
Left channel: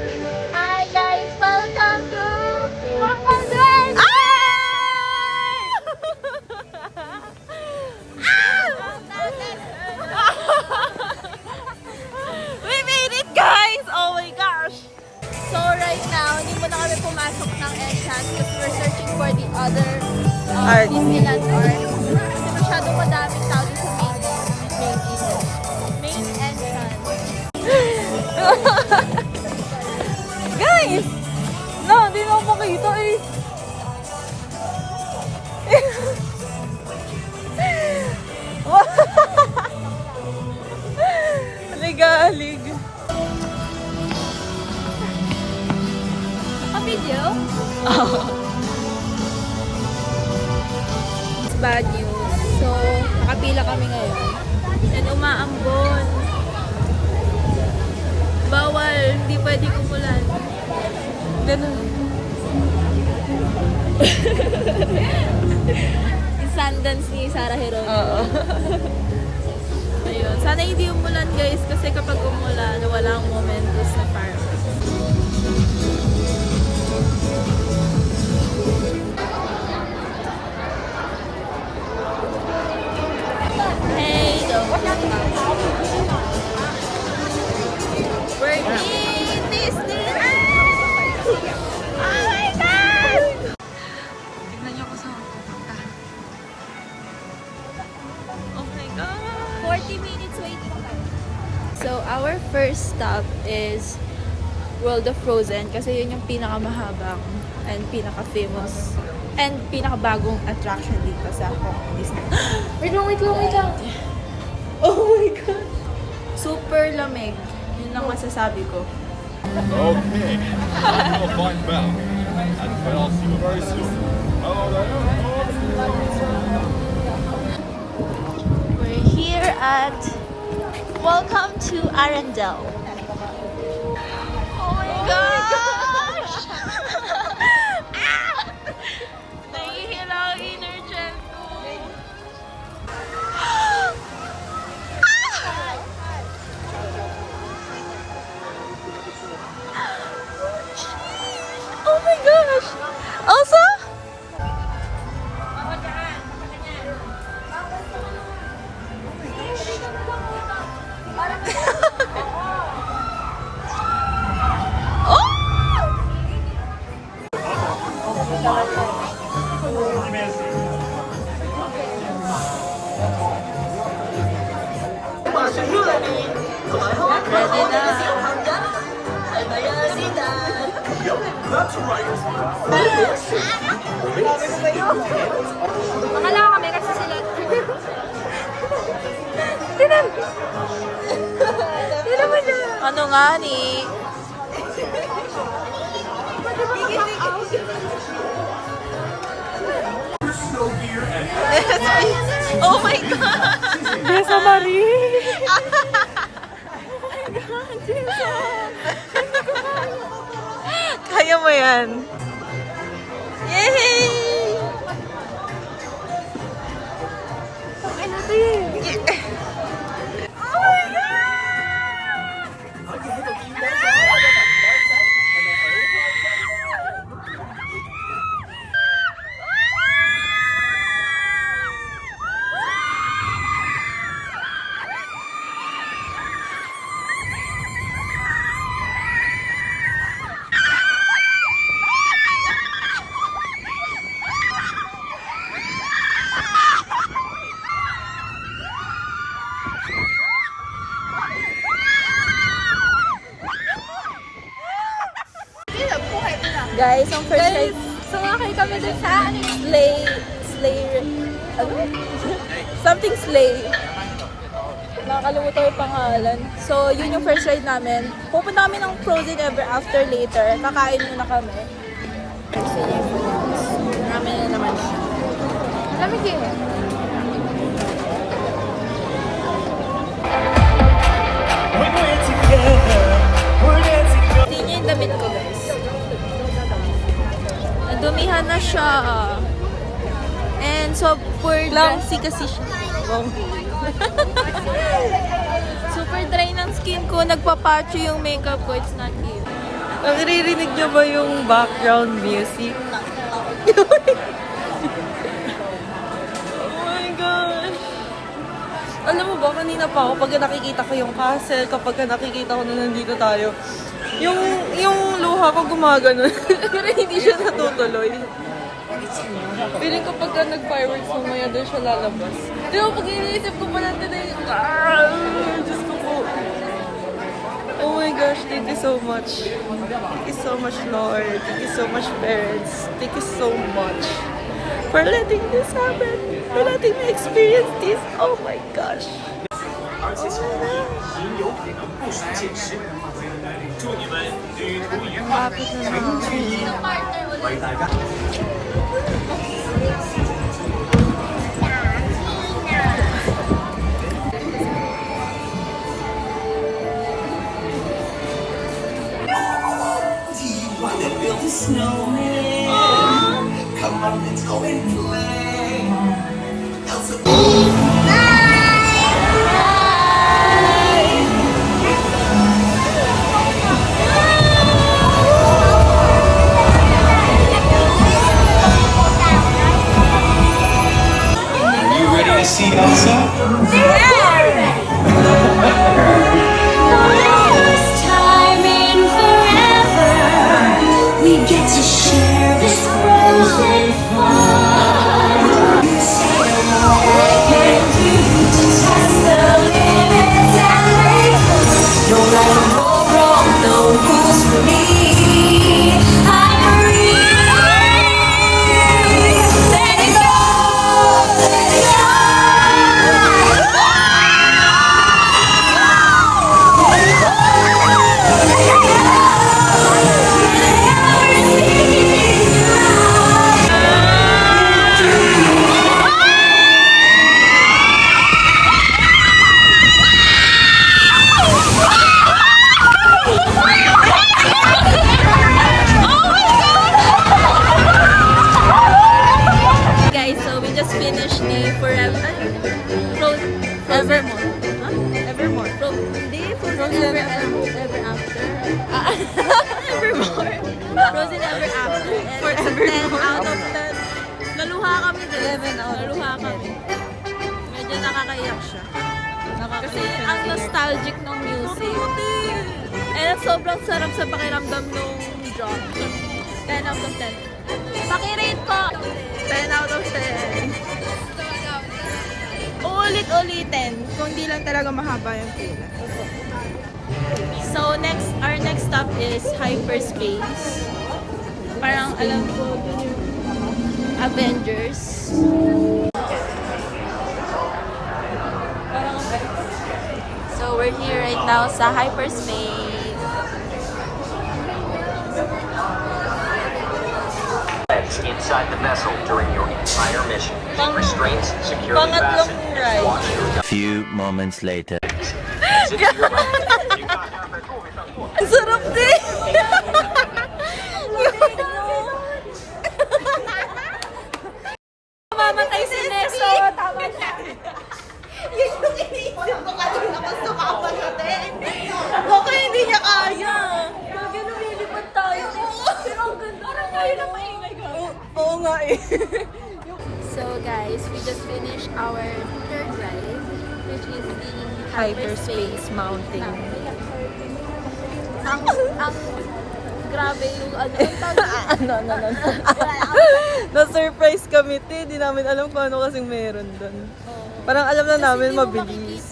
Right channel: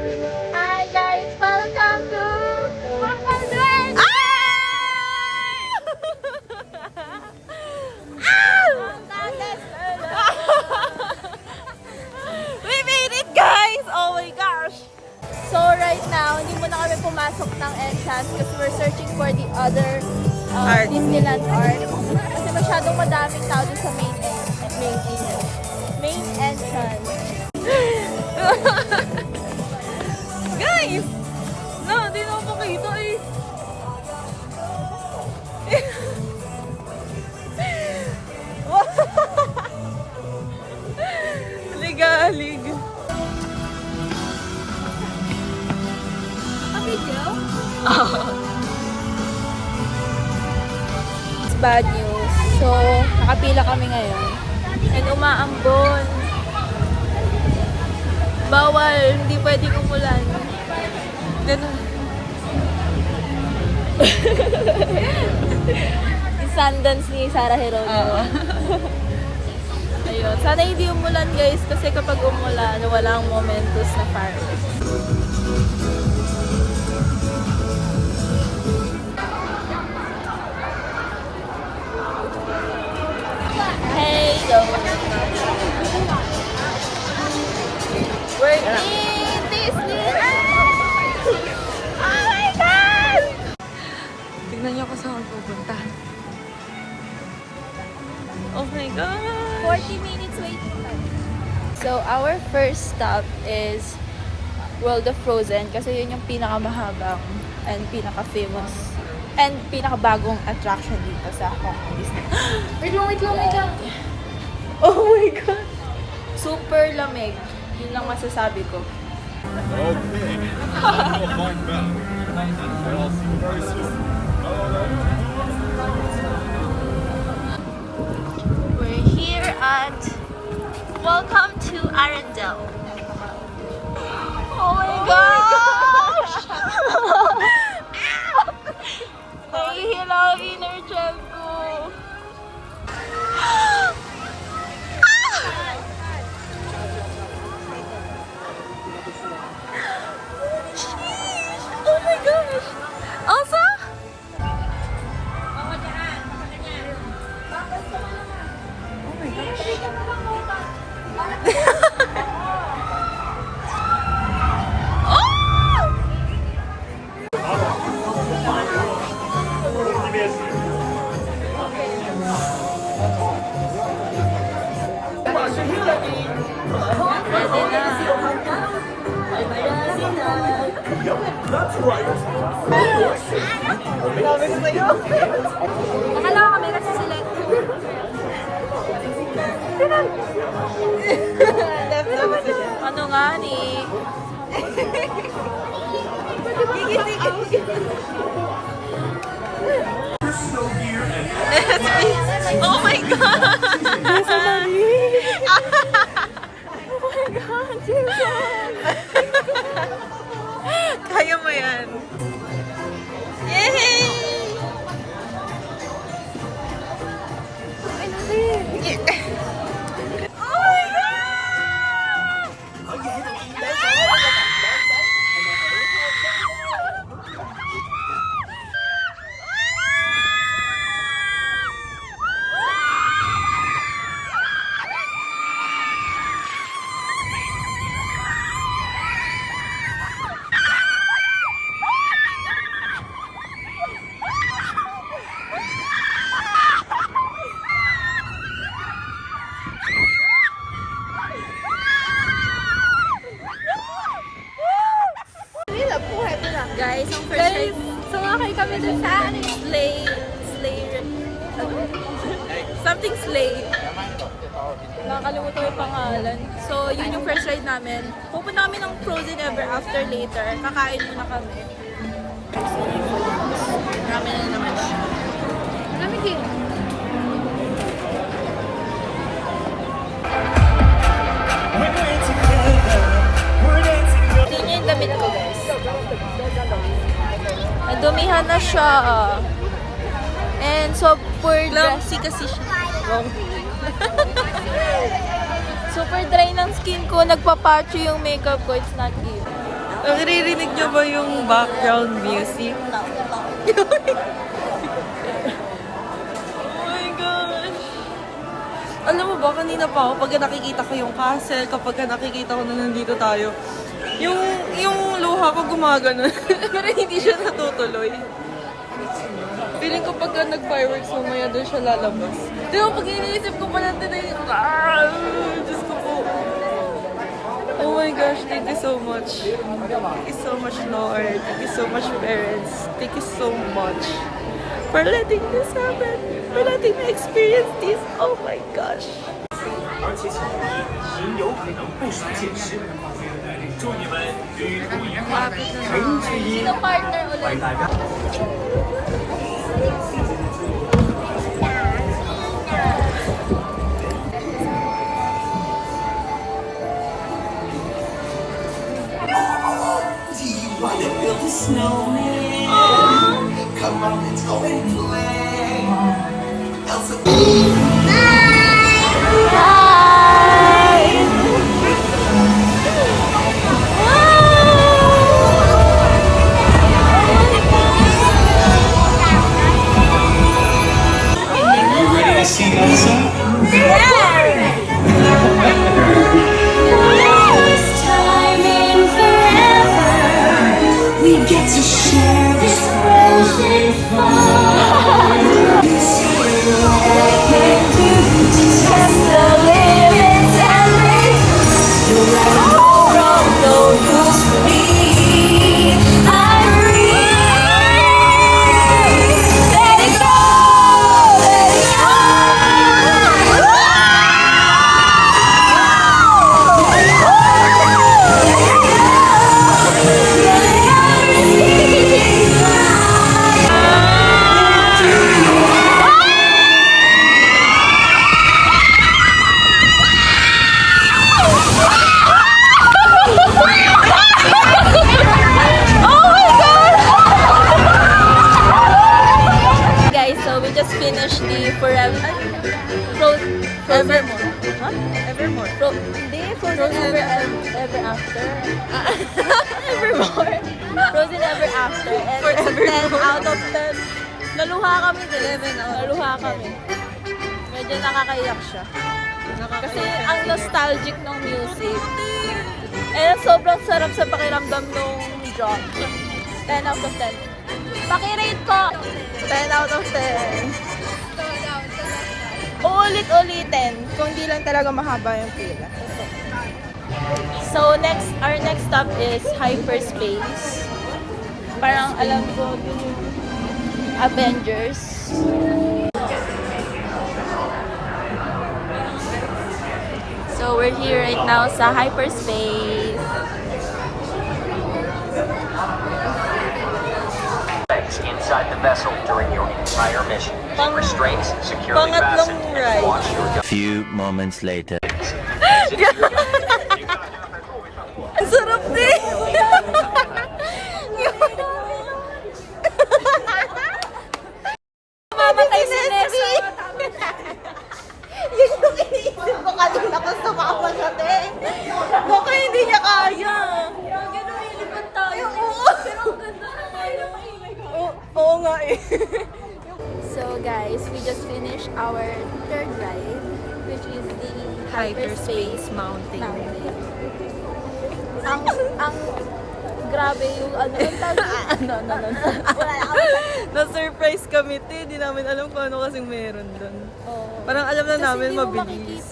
Hi guys, welcome to Papadren! We made it, guys! Oh my gosh! So right now, hindi mo na kami pumasok ng entrance because we're searching for the other Art. Disneyland art. Kasi masyadong madaming tao dun sa main entrance. Guys! No, hindi mo makita eh. Legalig. Ang video? It's bad news. So, nakapila kami ngayon. And umaambon. Bawal. Hindi pwedeng umulan. Ganun. Yung Sundance ni Sarah Heron. Oo. Ayun. Sana hindi umulan, guys. Kasi kapag umulan, walang momentous na fireworks. Hey, go. We're in Disney. Oh my God! Tignan niyo ako saan pupunta. Oh my God! 40 minutes waiting time. So, our first stop is World of Frozen kasi yun yung pinakamahabang and pinaka-famous and pinakabagong attraction dito sa Hong Kong Disney. Wait lang. Oh my God! Super lamig. Yun lang masasabi ko. Okay. I'm going to find Belle. And I'll see you very soon. Hello there. We're here at Welcome to Arendelle. Oh my gosh! Nahihila ang inner gem ko. Oh my gosh! Also? Ready na. Ano nga ni? Oh my God! Besa Marie! Kaya mo yan. Yay! Oh my God! Guys, ang first time, Sumakay kami dun sa ano yung ano? Something sleigh. Nakakalimutan ko yung pangalan. So, yun yung first ride namin. Pupunta kami ng Frozen Ever After later. Kakain muna kami. Kasi yun yung food. Namin na naman siya. Tingnan yung damit ko, guys. Nadumihan na siya. And super Clumsy kasi siya. super dry ng skin ko. Nagpapacho yung makeup ko. It's not even. Naririnig nyo ba yung background music? Oh my gosh! Alam mo ba, kanina pa ako, pag nakikita ko yung castle, kapag nakikita ko na nandito tayo, yung luha ko gumagano. Pero hindi siya natutuloy. Feeling ko pagka nag-fireworks mamaya doon siya lalabas. Di ba, pag iniisip ko pa natin na yung... Diyos ko po. Oh my gosh, thank you so much. Thank you so much, Lord. Thank you so much, parents. Thank you so much for letting this happen. For letting me experience this. Oh my gosh. 而且小朋友也有可能不属现实。祝你们旅途愉快，诚之一为大家。 You ready to see Elsa? First time in forever, we get to share this frozen fun. To test the limits and break. No matter what wrong, no rules for me. I'm free. Let it go, let it go. Guys, so we just finished the Evermore. Huh? Evermore. Hindi, Frozen Ever After. Evermore. Frozen Ever After. And it's 10 out of 10. Naluha kami din. 11 out. Naluha kami. Medyo nakakaiyak siya. Kasi ang nostalgic ng music. And sobrang sarap sa pakiramdam nung drop. 10 out of 10. Pakirate ko! 10 out of 10. Uulit-ulitin kung di lang talaga mahaba yung pila. So our next stop is Hyperspace. Parang alam ko dun yung Avengers. So we're here right now sa Hyperspace. Inside the vessel during your entire mission. Keep restraints securely fastened and watch your Few moments later. Ang sarap din! Mamatay si Neso! Yun yung iniisip ko kanina kung sumama siya din. Baka hindi niya kaya. Ginulilipan tayo. Pero ang ganda na tayo. Oo nga eh. So guys, we just finished our third ride, which is the Hyperspace Mountain. Ang grabe yung ano Na-surprise kami, te. Di namin alam kung ano kasing meron doon. Parang alam na namin mabilis.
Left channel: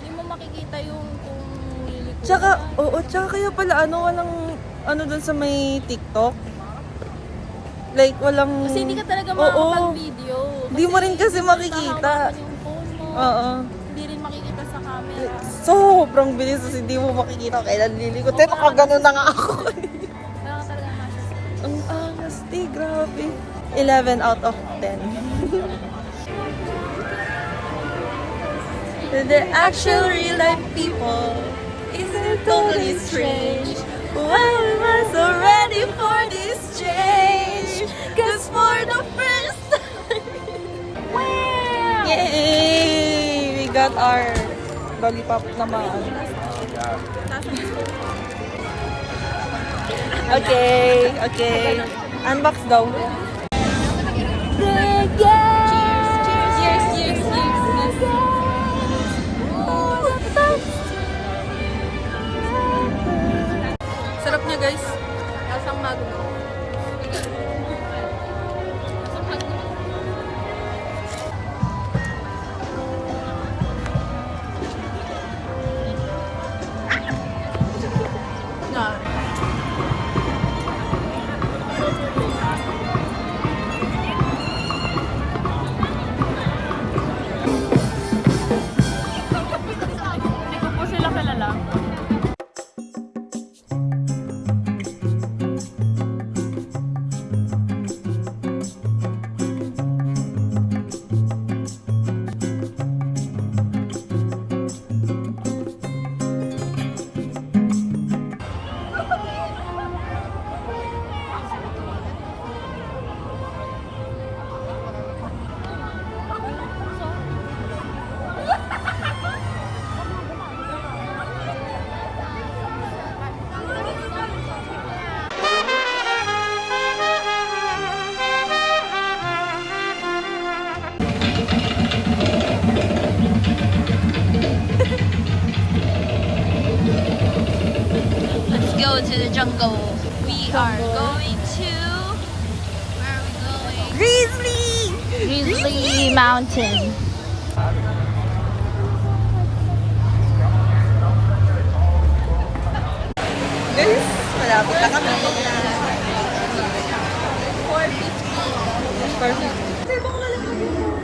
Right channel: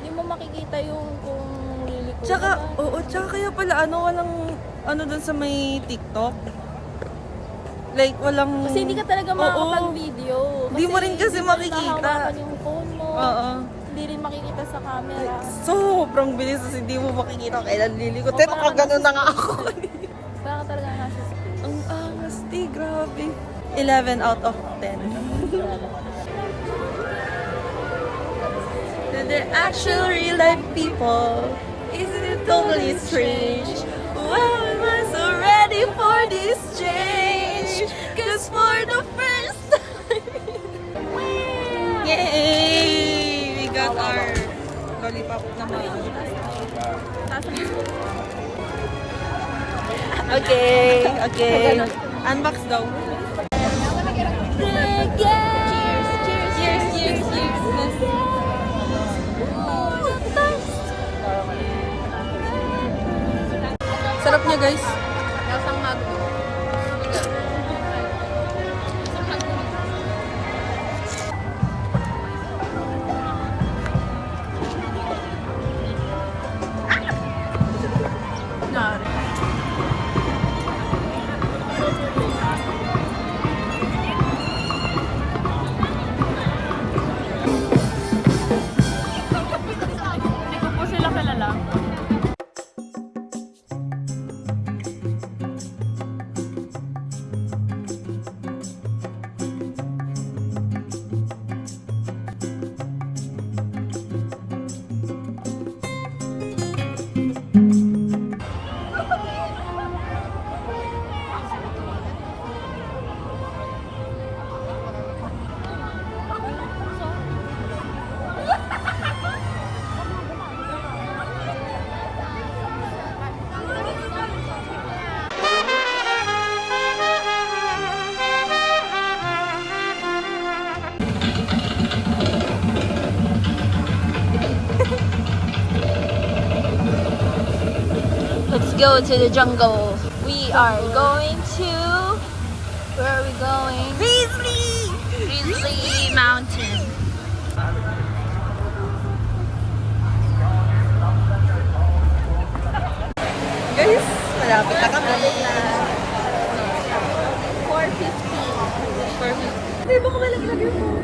Hindi mo makikita yung kung liliko. Tsaka kaya pala walang doon sa may TikTok. Like, walang... Kasi hindi ka talaga makakapag-video. Hindi mo rin kasi makikita. Hawakan yung phone mo. Oo. Hindi rin makikita sa camera. Sobrang bilis kasi hindi mo makikita kailan liliko. Te, nakagano na nga ako. Kaya ka talaga nasa space. Ang angas, te. Grabe. 11 out of 10. To the actual real life people, isn't it totally strange? Why am I so ready for this change? Cause for the first time, yay! We got our lollipop naman. Okay, okay. Unbox daw. Cheers, cheers, sarap niya, guys. Lasang magno. Hindi ko po sila kilala. Let's go to the jungle. We are going to... Where are we going? Grizzly Mountain. Guys, malapit na kami. 450. Hindi, baka malaglag yun po.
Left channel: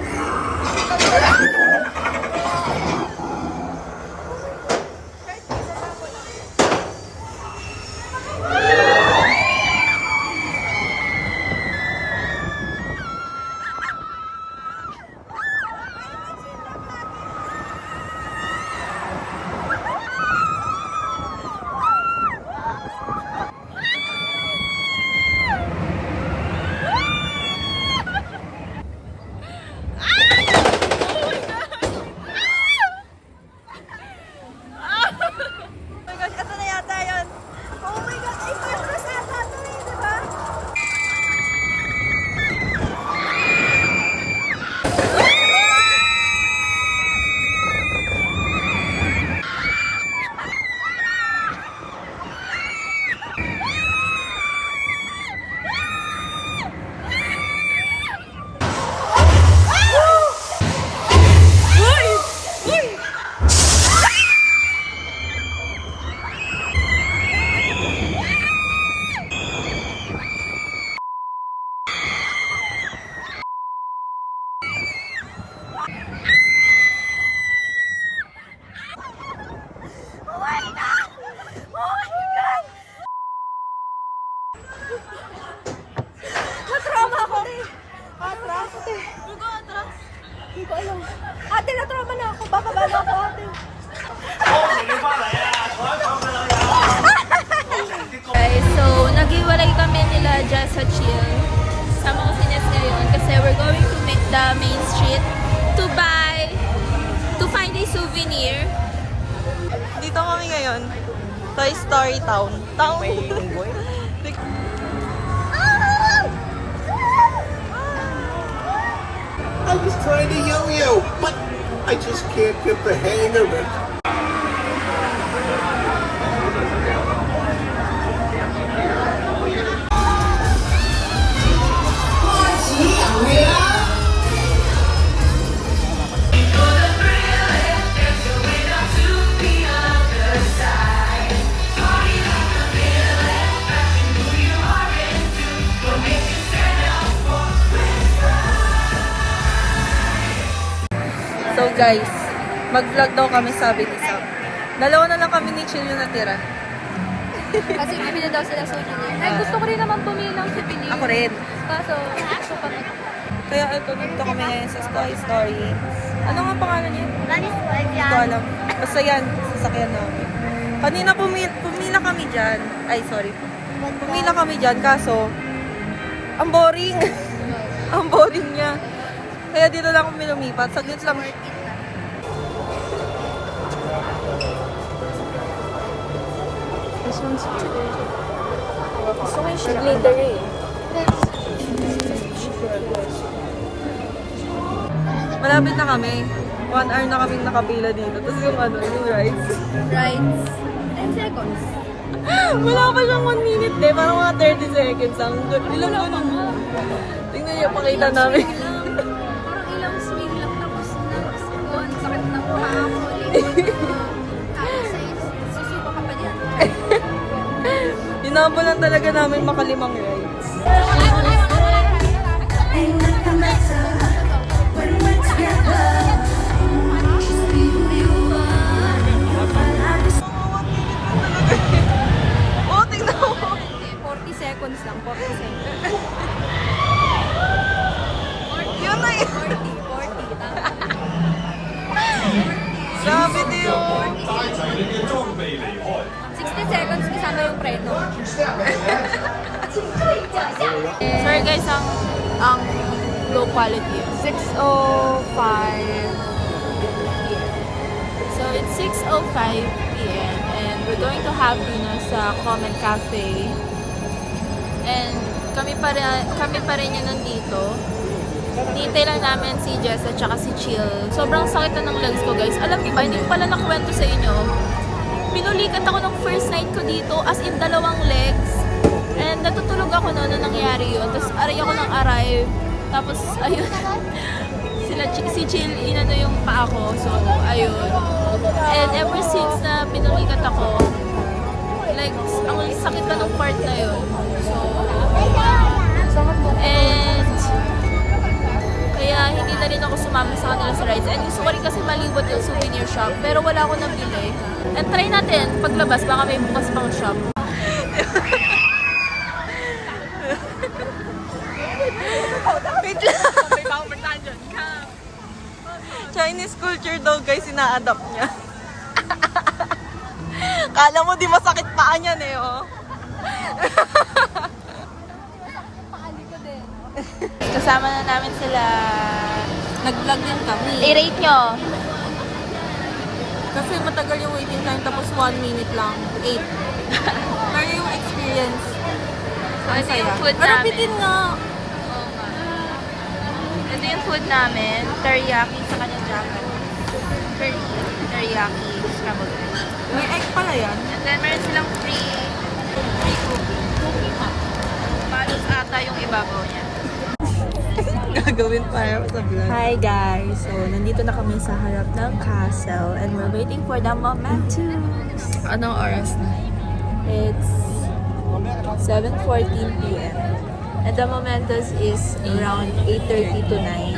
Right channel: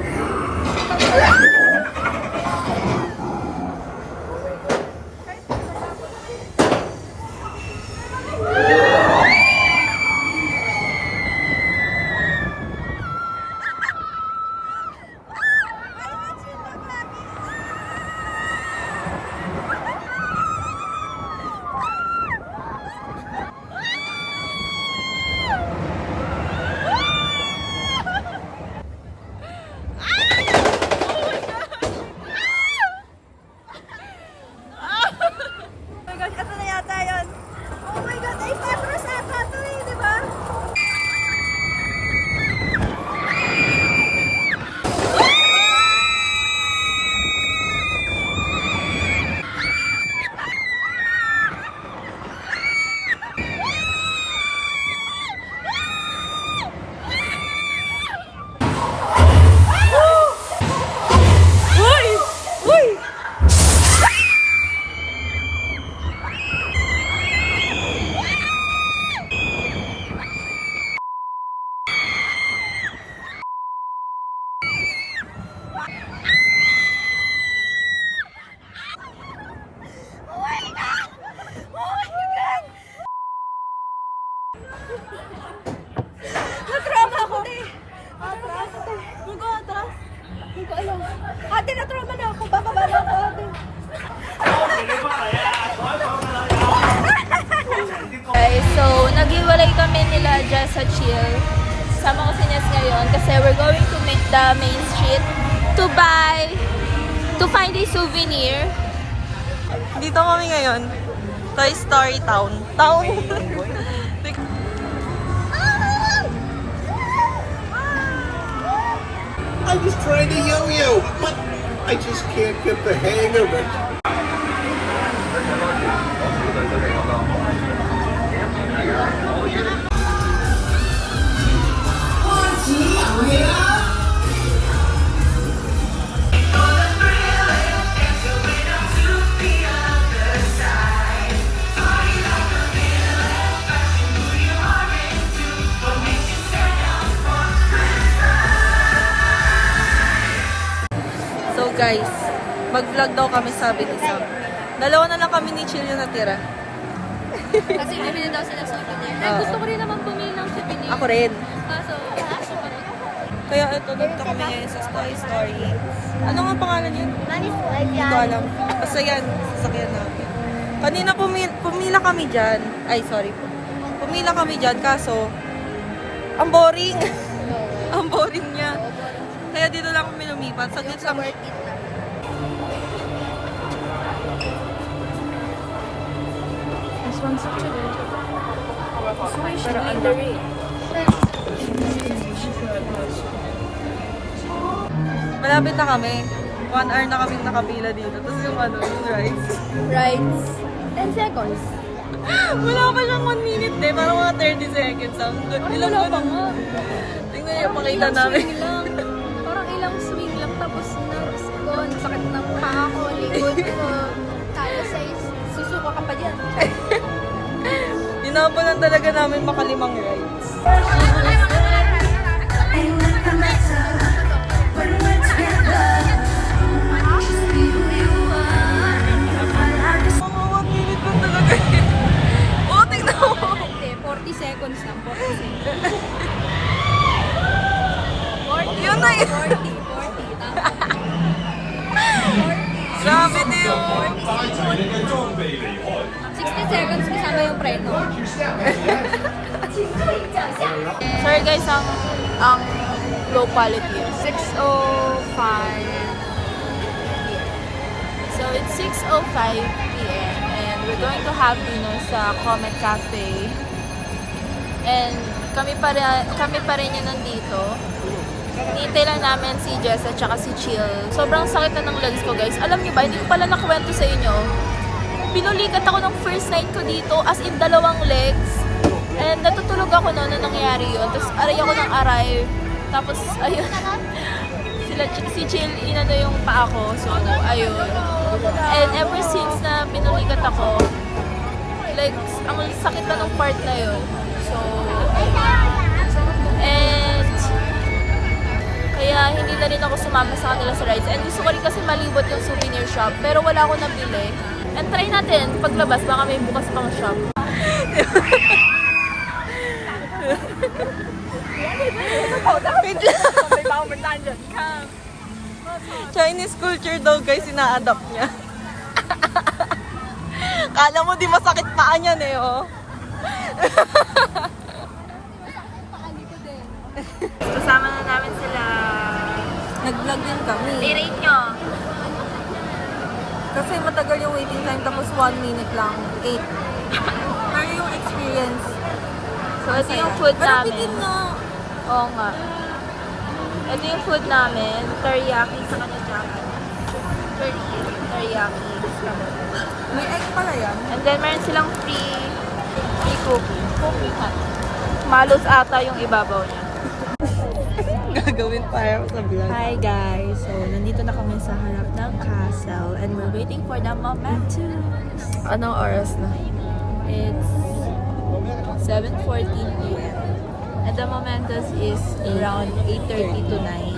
Na-trauma ako, te. Hindi ko alam. Ate, na-trauma na ako. Baka bala ako, ate. Guys, so naghiwalay kami nila dyan sa chill. Sama ko si Nes ngayon kasi we're going to the main street to find a souvenir. Dito kami ngayon. Toy Story Town. I was trying to yo-yo, but I just can't get the hang of it. So guys, mag-vlog daw kami, sabi ni Sam. Dalawa na lang kami ni Chill yung natira. Kasi bibili daw sila souvenir. And gusto ko rin naman bumili ng souvenir. Ako rin. Kaso, gusto ko Kaya ito, nagto kami ngayon sa Toy Story. Ano nga pangalan niya? Hindi ko alam. Basta yan, sasakyan namin. Kanina pumila kami dyan. Ay, sorry po. Pumila kami dyan, kaso, ang boring. Ang boring niya. Kaya dito lang kami lumipat. Saglit lang. This one's cute. finished glittering. Malapit na kami. 1 hour na kaming nakapila dito. Tapos yung yung rides. Rides. 10 seconds. Wala pa siyang 1 minute eh. Parang mga 30 seconds lang. Ilang Wala pa ganun. nga. Tingnan niyo, pakita namin. Parang ilang swing lang tapos na sakit na paa ko, likod ko. Tapos susuka ka pa dyan. Hinabol lang talaga namin makalimang rides. Oh, tingnan mo! 40 seconds lang, 40 seconds. Yun na yun! 40, tama. Sabi niyo! 60 seconds kasama yung preno. Sorry guys, ang low quality. 6:05. So it's 6:05 p.m. and we're going to have dinner sa Comet Cafe. And kami pa rin yung nandito. Nintay lang namin si Jess at saka si Chill. Sobrang sakit na ng legs ko guys. Alam niyo ba, hindi ko pala nakwento sa inyo. Pinulikat ako ng first night ko dito as in 2 legs. And natutulog ako noon nung nangyari yun. Tapos aray ako ng aray. Tapos ayun. Si Chill inano yung paa ko. So ayun. And ever since na pinulikat ako, like ang sakit na nung part na yun. So ayun. And kaya hindi na rin ako sumama sa kanila sa rides. And gusto ko rin kasi malibot yung souvenir shop. Pero wala akong nabili. And try natin, paglabas, baka may bukas pang shop. Chinese culture daw guys, ina-adapt niya. Kala mo di masakit paa niyan eh, oh. Kasama na namin sila. Nag-vlog din kami. I-rate nyo. Kasi matagal yung waiting time, tapos 1 minute lang. 8. Pero yung experience, So ito yung food pero namin. bitin nga. Oo nga. Ito yung food namin. Teriyaki sa kanyang jacket. Teriyaki scrambled egg. May egg pala yan. And then meron silang free cookie. Malos ata yung ibabaw niya. Gagawin para sa vlog. Hi guys! So, nandito na kami sa harap ng castle and we're waiting for the Momentus. Anong oras na? It's 7:14 p.m. And the Momentus is around 8:30 to 9.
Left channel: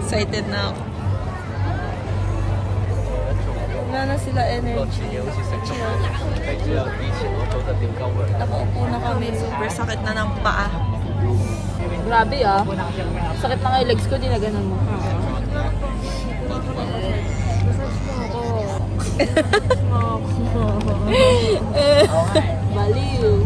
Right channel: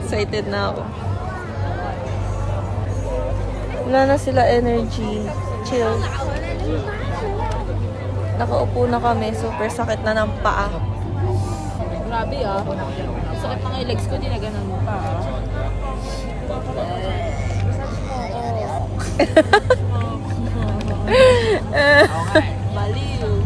Excited na ako. Wala na sila energy. Chill. Nakaupo na kami. Super sakit na ng paa. Grabe ah. Sakit na nga yung legs ko, di na ganun mo pa. Massage mo ako. Baliw.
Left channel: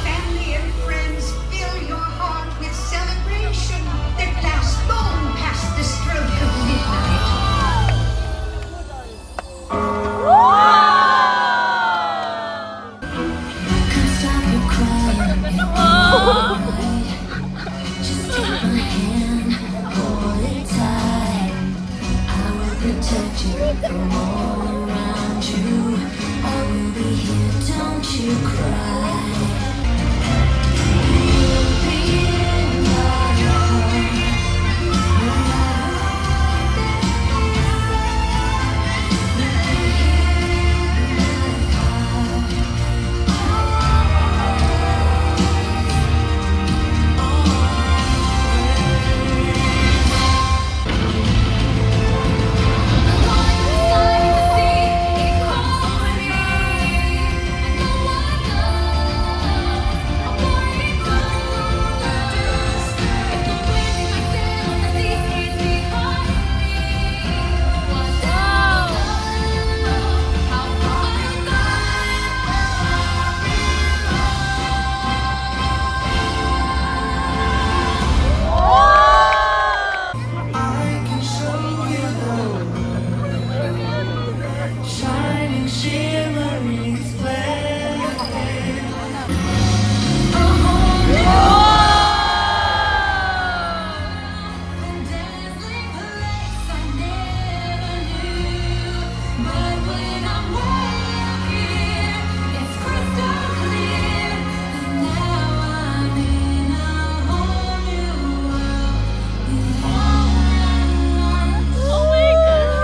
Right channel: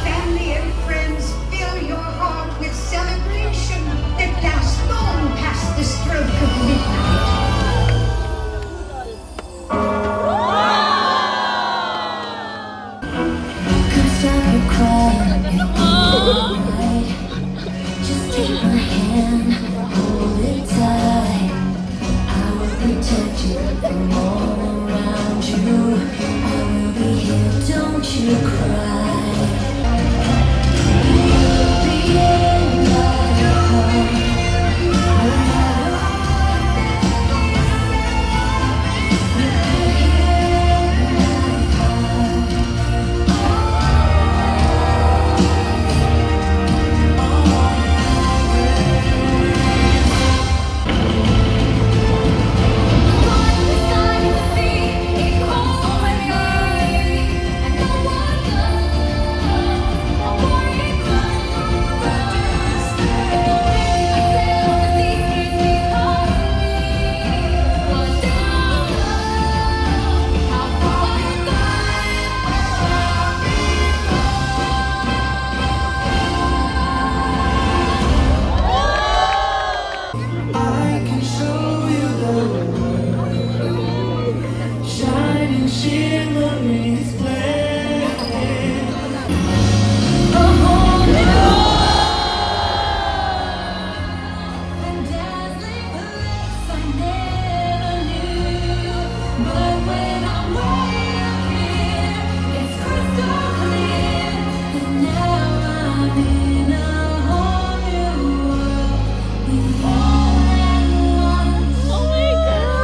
Family and friends, fill your heart with celebration that lasts long past the stroke of midnight. shimmering splendor. A whole new and dazzling place I never knew. But when I'm way up here, it's crystal clear. And now I'm in a whole new world. Oh my God!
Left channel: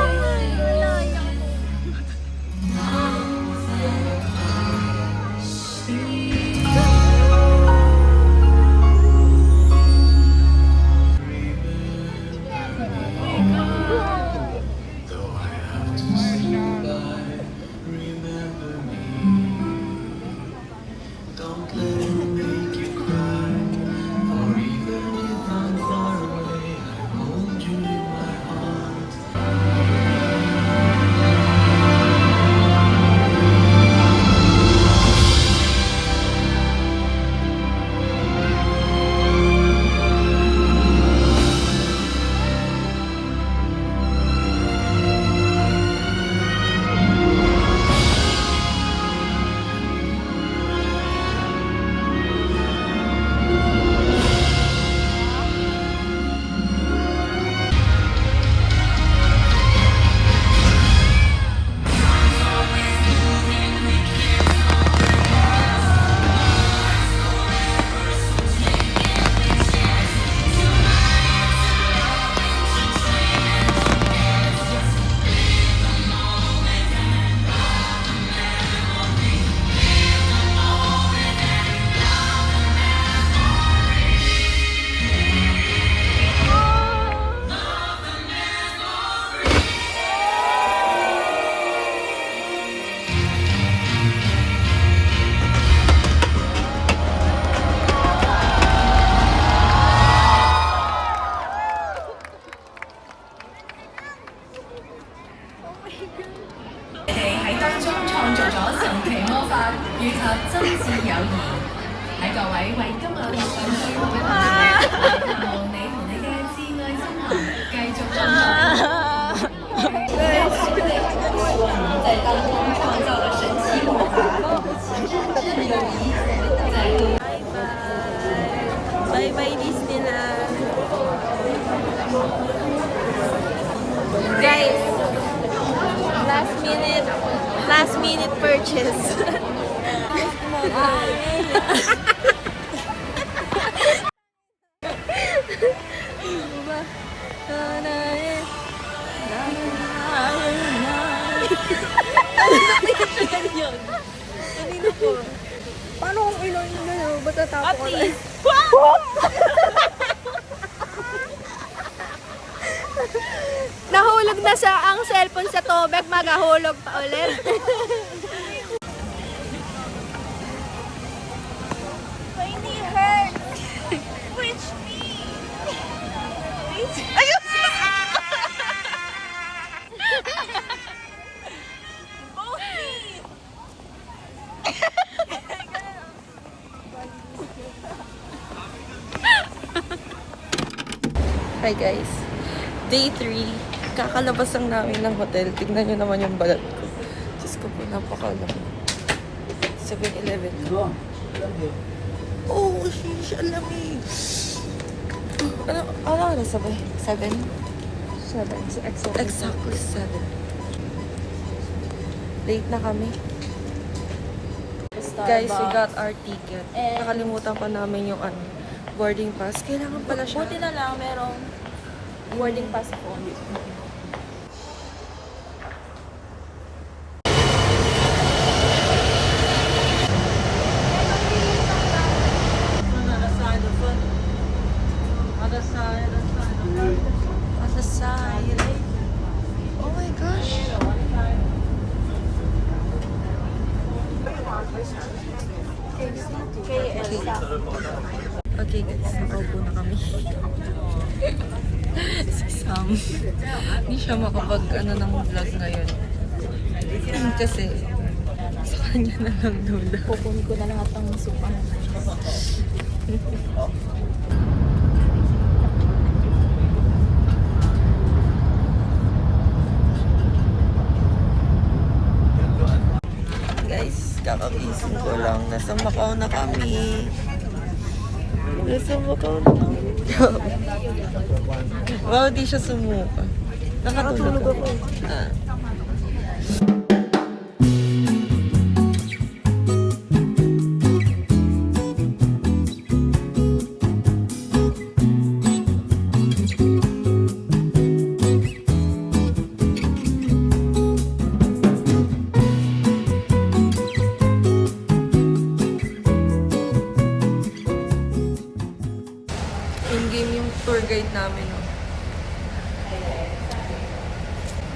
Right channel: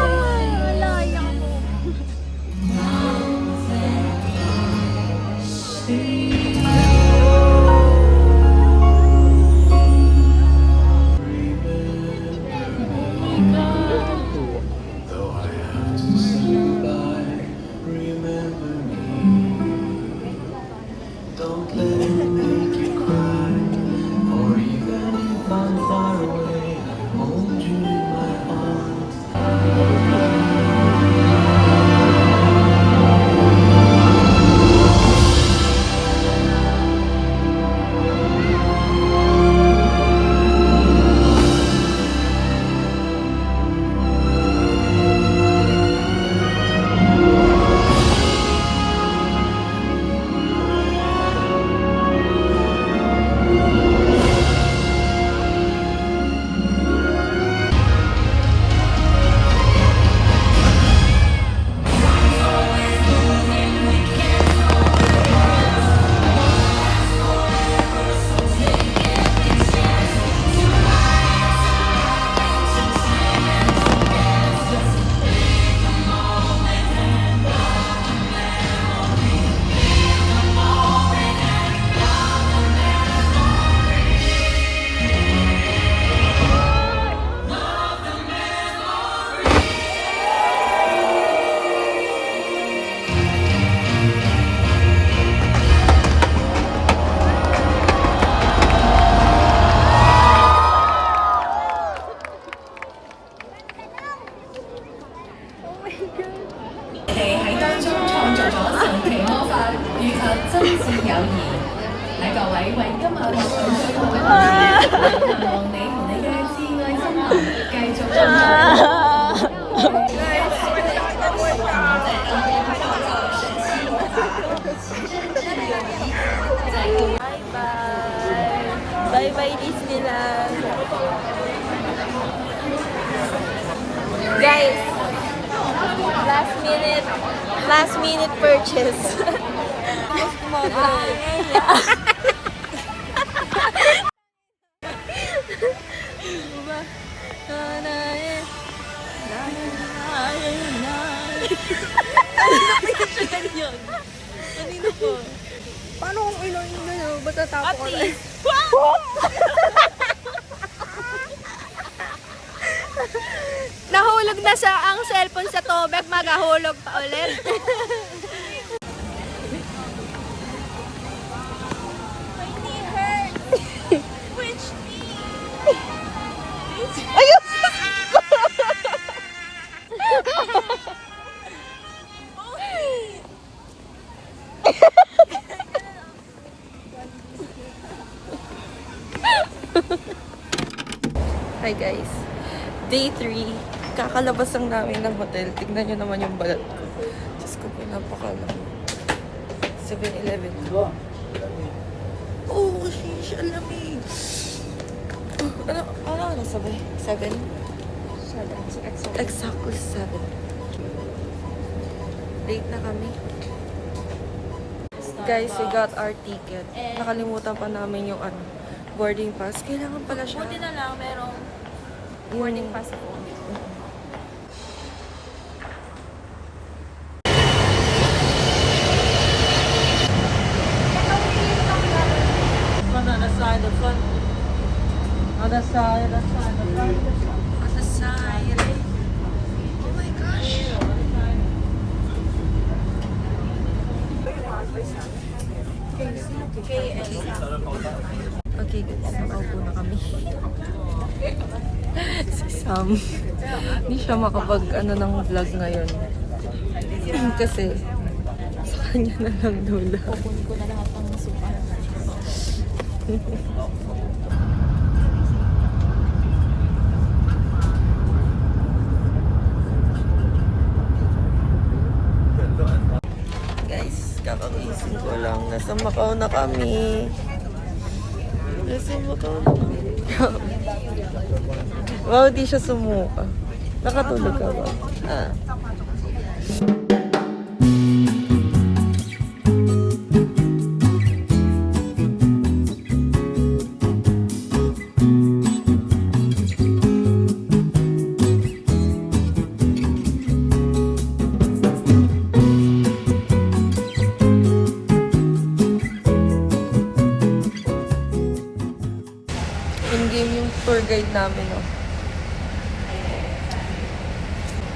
Though I have to say goodbye, remember me. Don't let it make you cry, or even if I'm far away, I hold you in my heart. Bye bye Disneyland. Guys, last minute purchase. Kanino po? Paano kung ilan yun na yun? Ba't natapo ko lang? Nahulog na sa ang cellphone sa tubig, magahulog pa ulit. My knee hurts. Which knee? Ayun! Both knees! Hi guys. Day 3. Kakalabas lang namin ng hotel. Tignan nyo naman yung balat ko. Diyos ko po, napakalaki. 7-Eleven. Oh, sheesh, alamig. Ano sabay? 7? Exactly 7. Late na kami. Guys, we got our ticket. Nakalimutan pa namin yung boarding pass. Kailangan pala siya. Buti na lang, merong boarding pass po. Okay guys, nakaupo na kami. Si Sam, hindi siya makapag ng vlog ngayon. Kasi sa kanya na lang doon. Kukunin ko na lahat ng supahan. Kakagising ko lang. Nasa Macau na kami. Nasa Macau na kami. Wow, di siya sumuka. Nakatulog ako. In-game yung tour guide namin, no?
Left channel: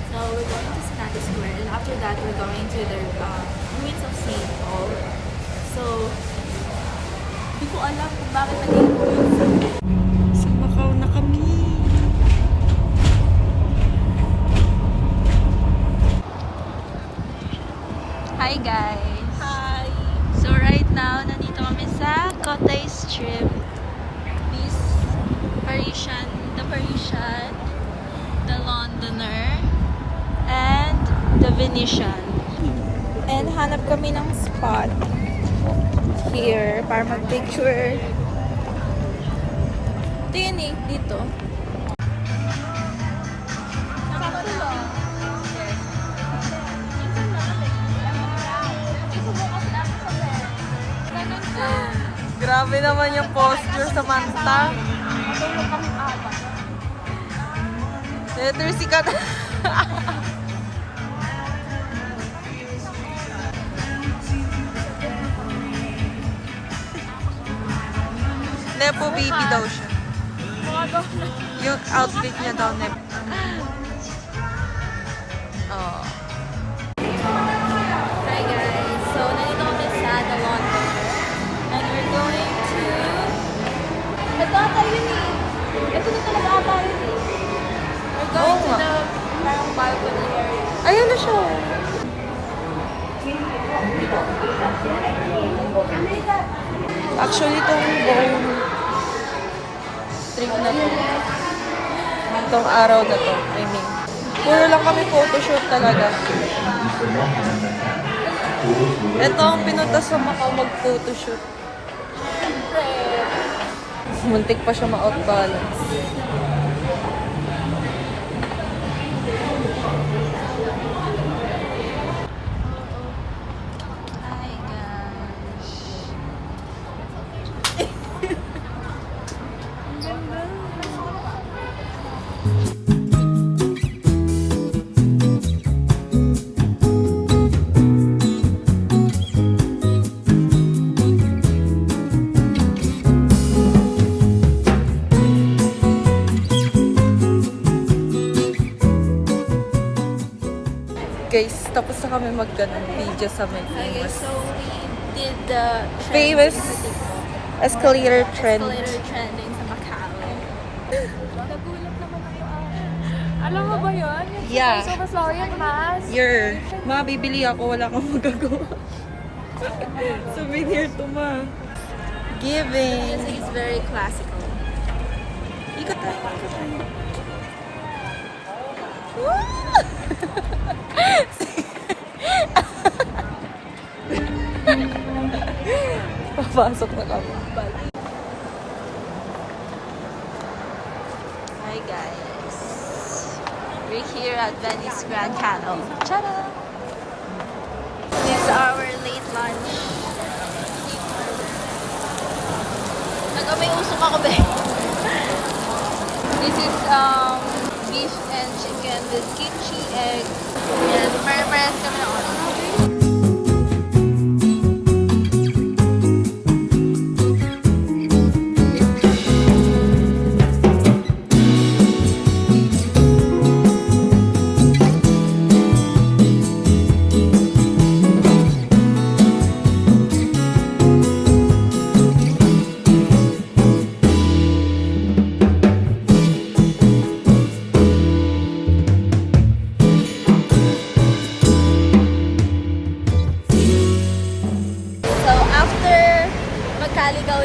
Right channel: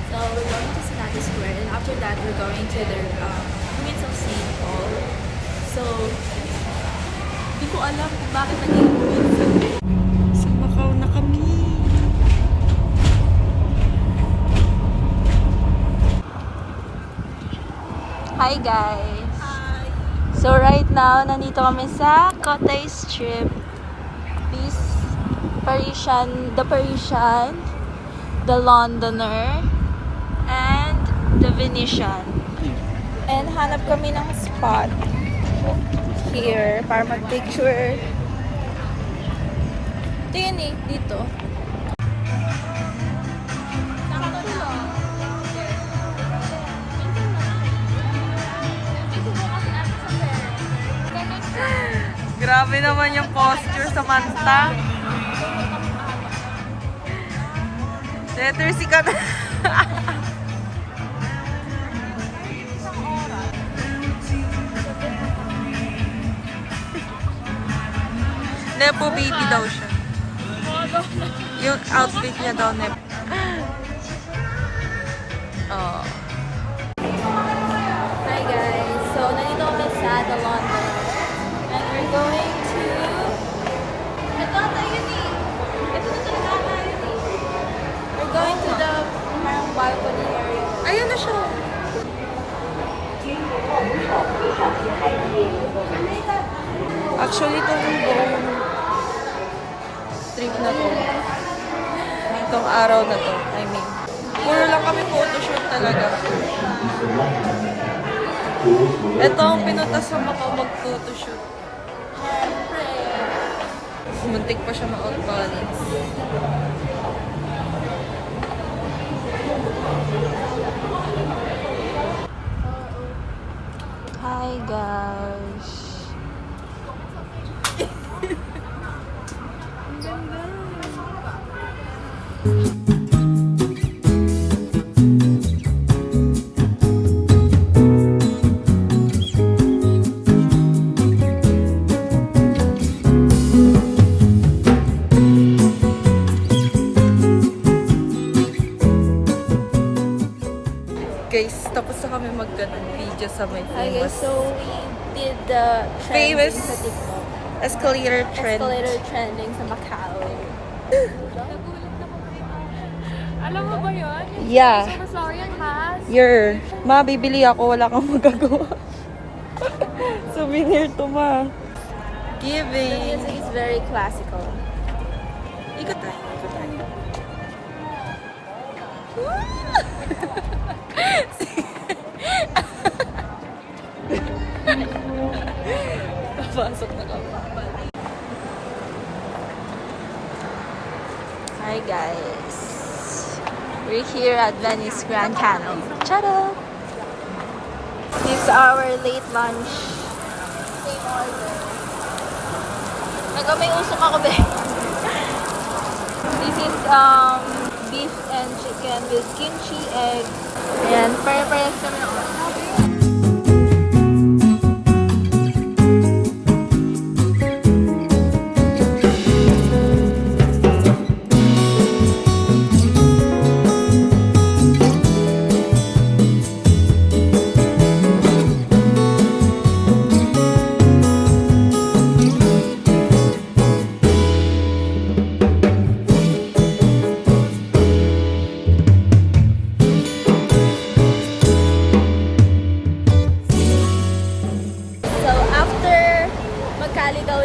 So we're going to Sinati Square, and after that we're going to the ruins of St. Paul. So, hindi ko alam kung bakit naging Sa Macau na kami. Hi guys! Hi! So right now, nandito kami sa Cotai Strip. This Parisian, the Londoner, and the Venetian. And hanap kami ng spot here para mag-picture. Ito yun eh, dito. Grabe naman yung posture sa Manta. Letter sikat. Nepo baby daw siya. Yung outfit niya daw, Nepo. Oh. Hi guys! So, nandito kami sa The London. And we're going to... Ito ata yun eh! Ito na talaga ata. We're going to the parang balcony area. Ayun na siya. Actually, itong buong street na to, itong araw na to, I mean, puro lang kami photoshoot talaga. Ito ang pinunta sa Macau mag-photoshoot. Siyempre. Muntik pa siya ma-out balance. Hi guys! Guys, tapos na kami video sa may Hi guys, famous so we did the Famous trending sa TikTok. escalator trend. Escalator trending sa Macau. Nagulat naman ako. Alam mo ba yun? Yeah. So, sorry ang mask. Ma, bibili ako. Wala kang magagawa. Souvenir to, ma. Giving. This is very classical. Ikot tayo. Papasok na kami. Hi guys. We're here at Venice Grand Canal. Tada! It's our late lunch. Same order. May usok ako ba? This is beef and chicken with kimchi, egg. Yan, pare-parehas kami ng order.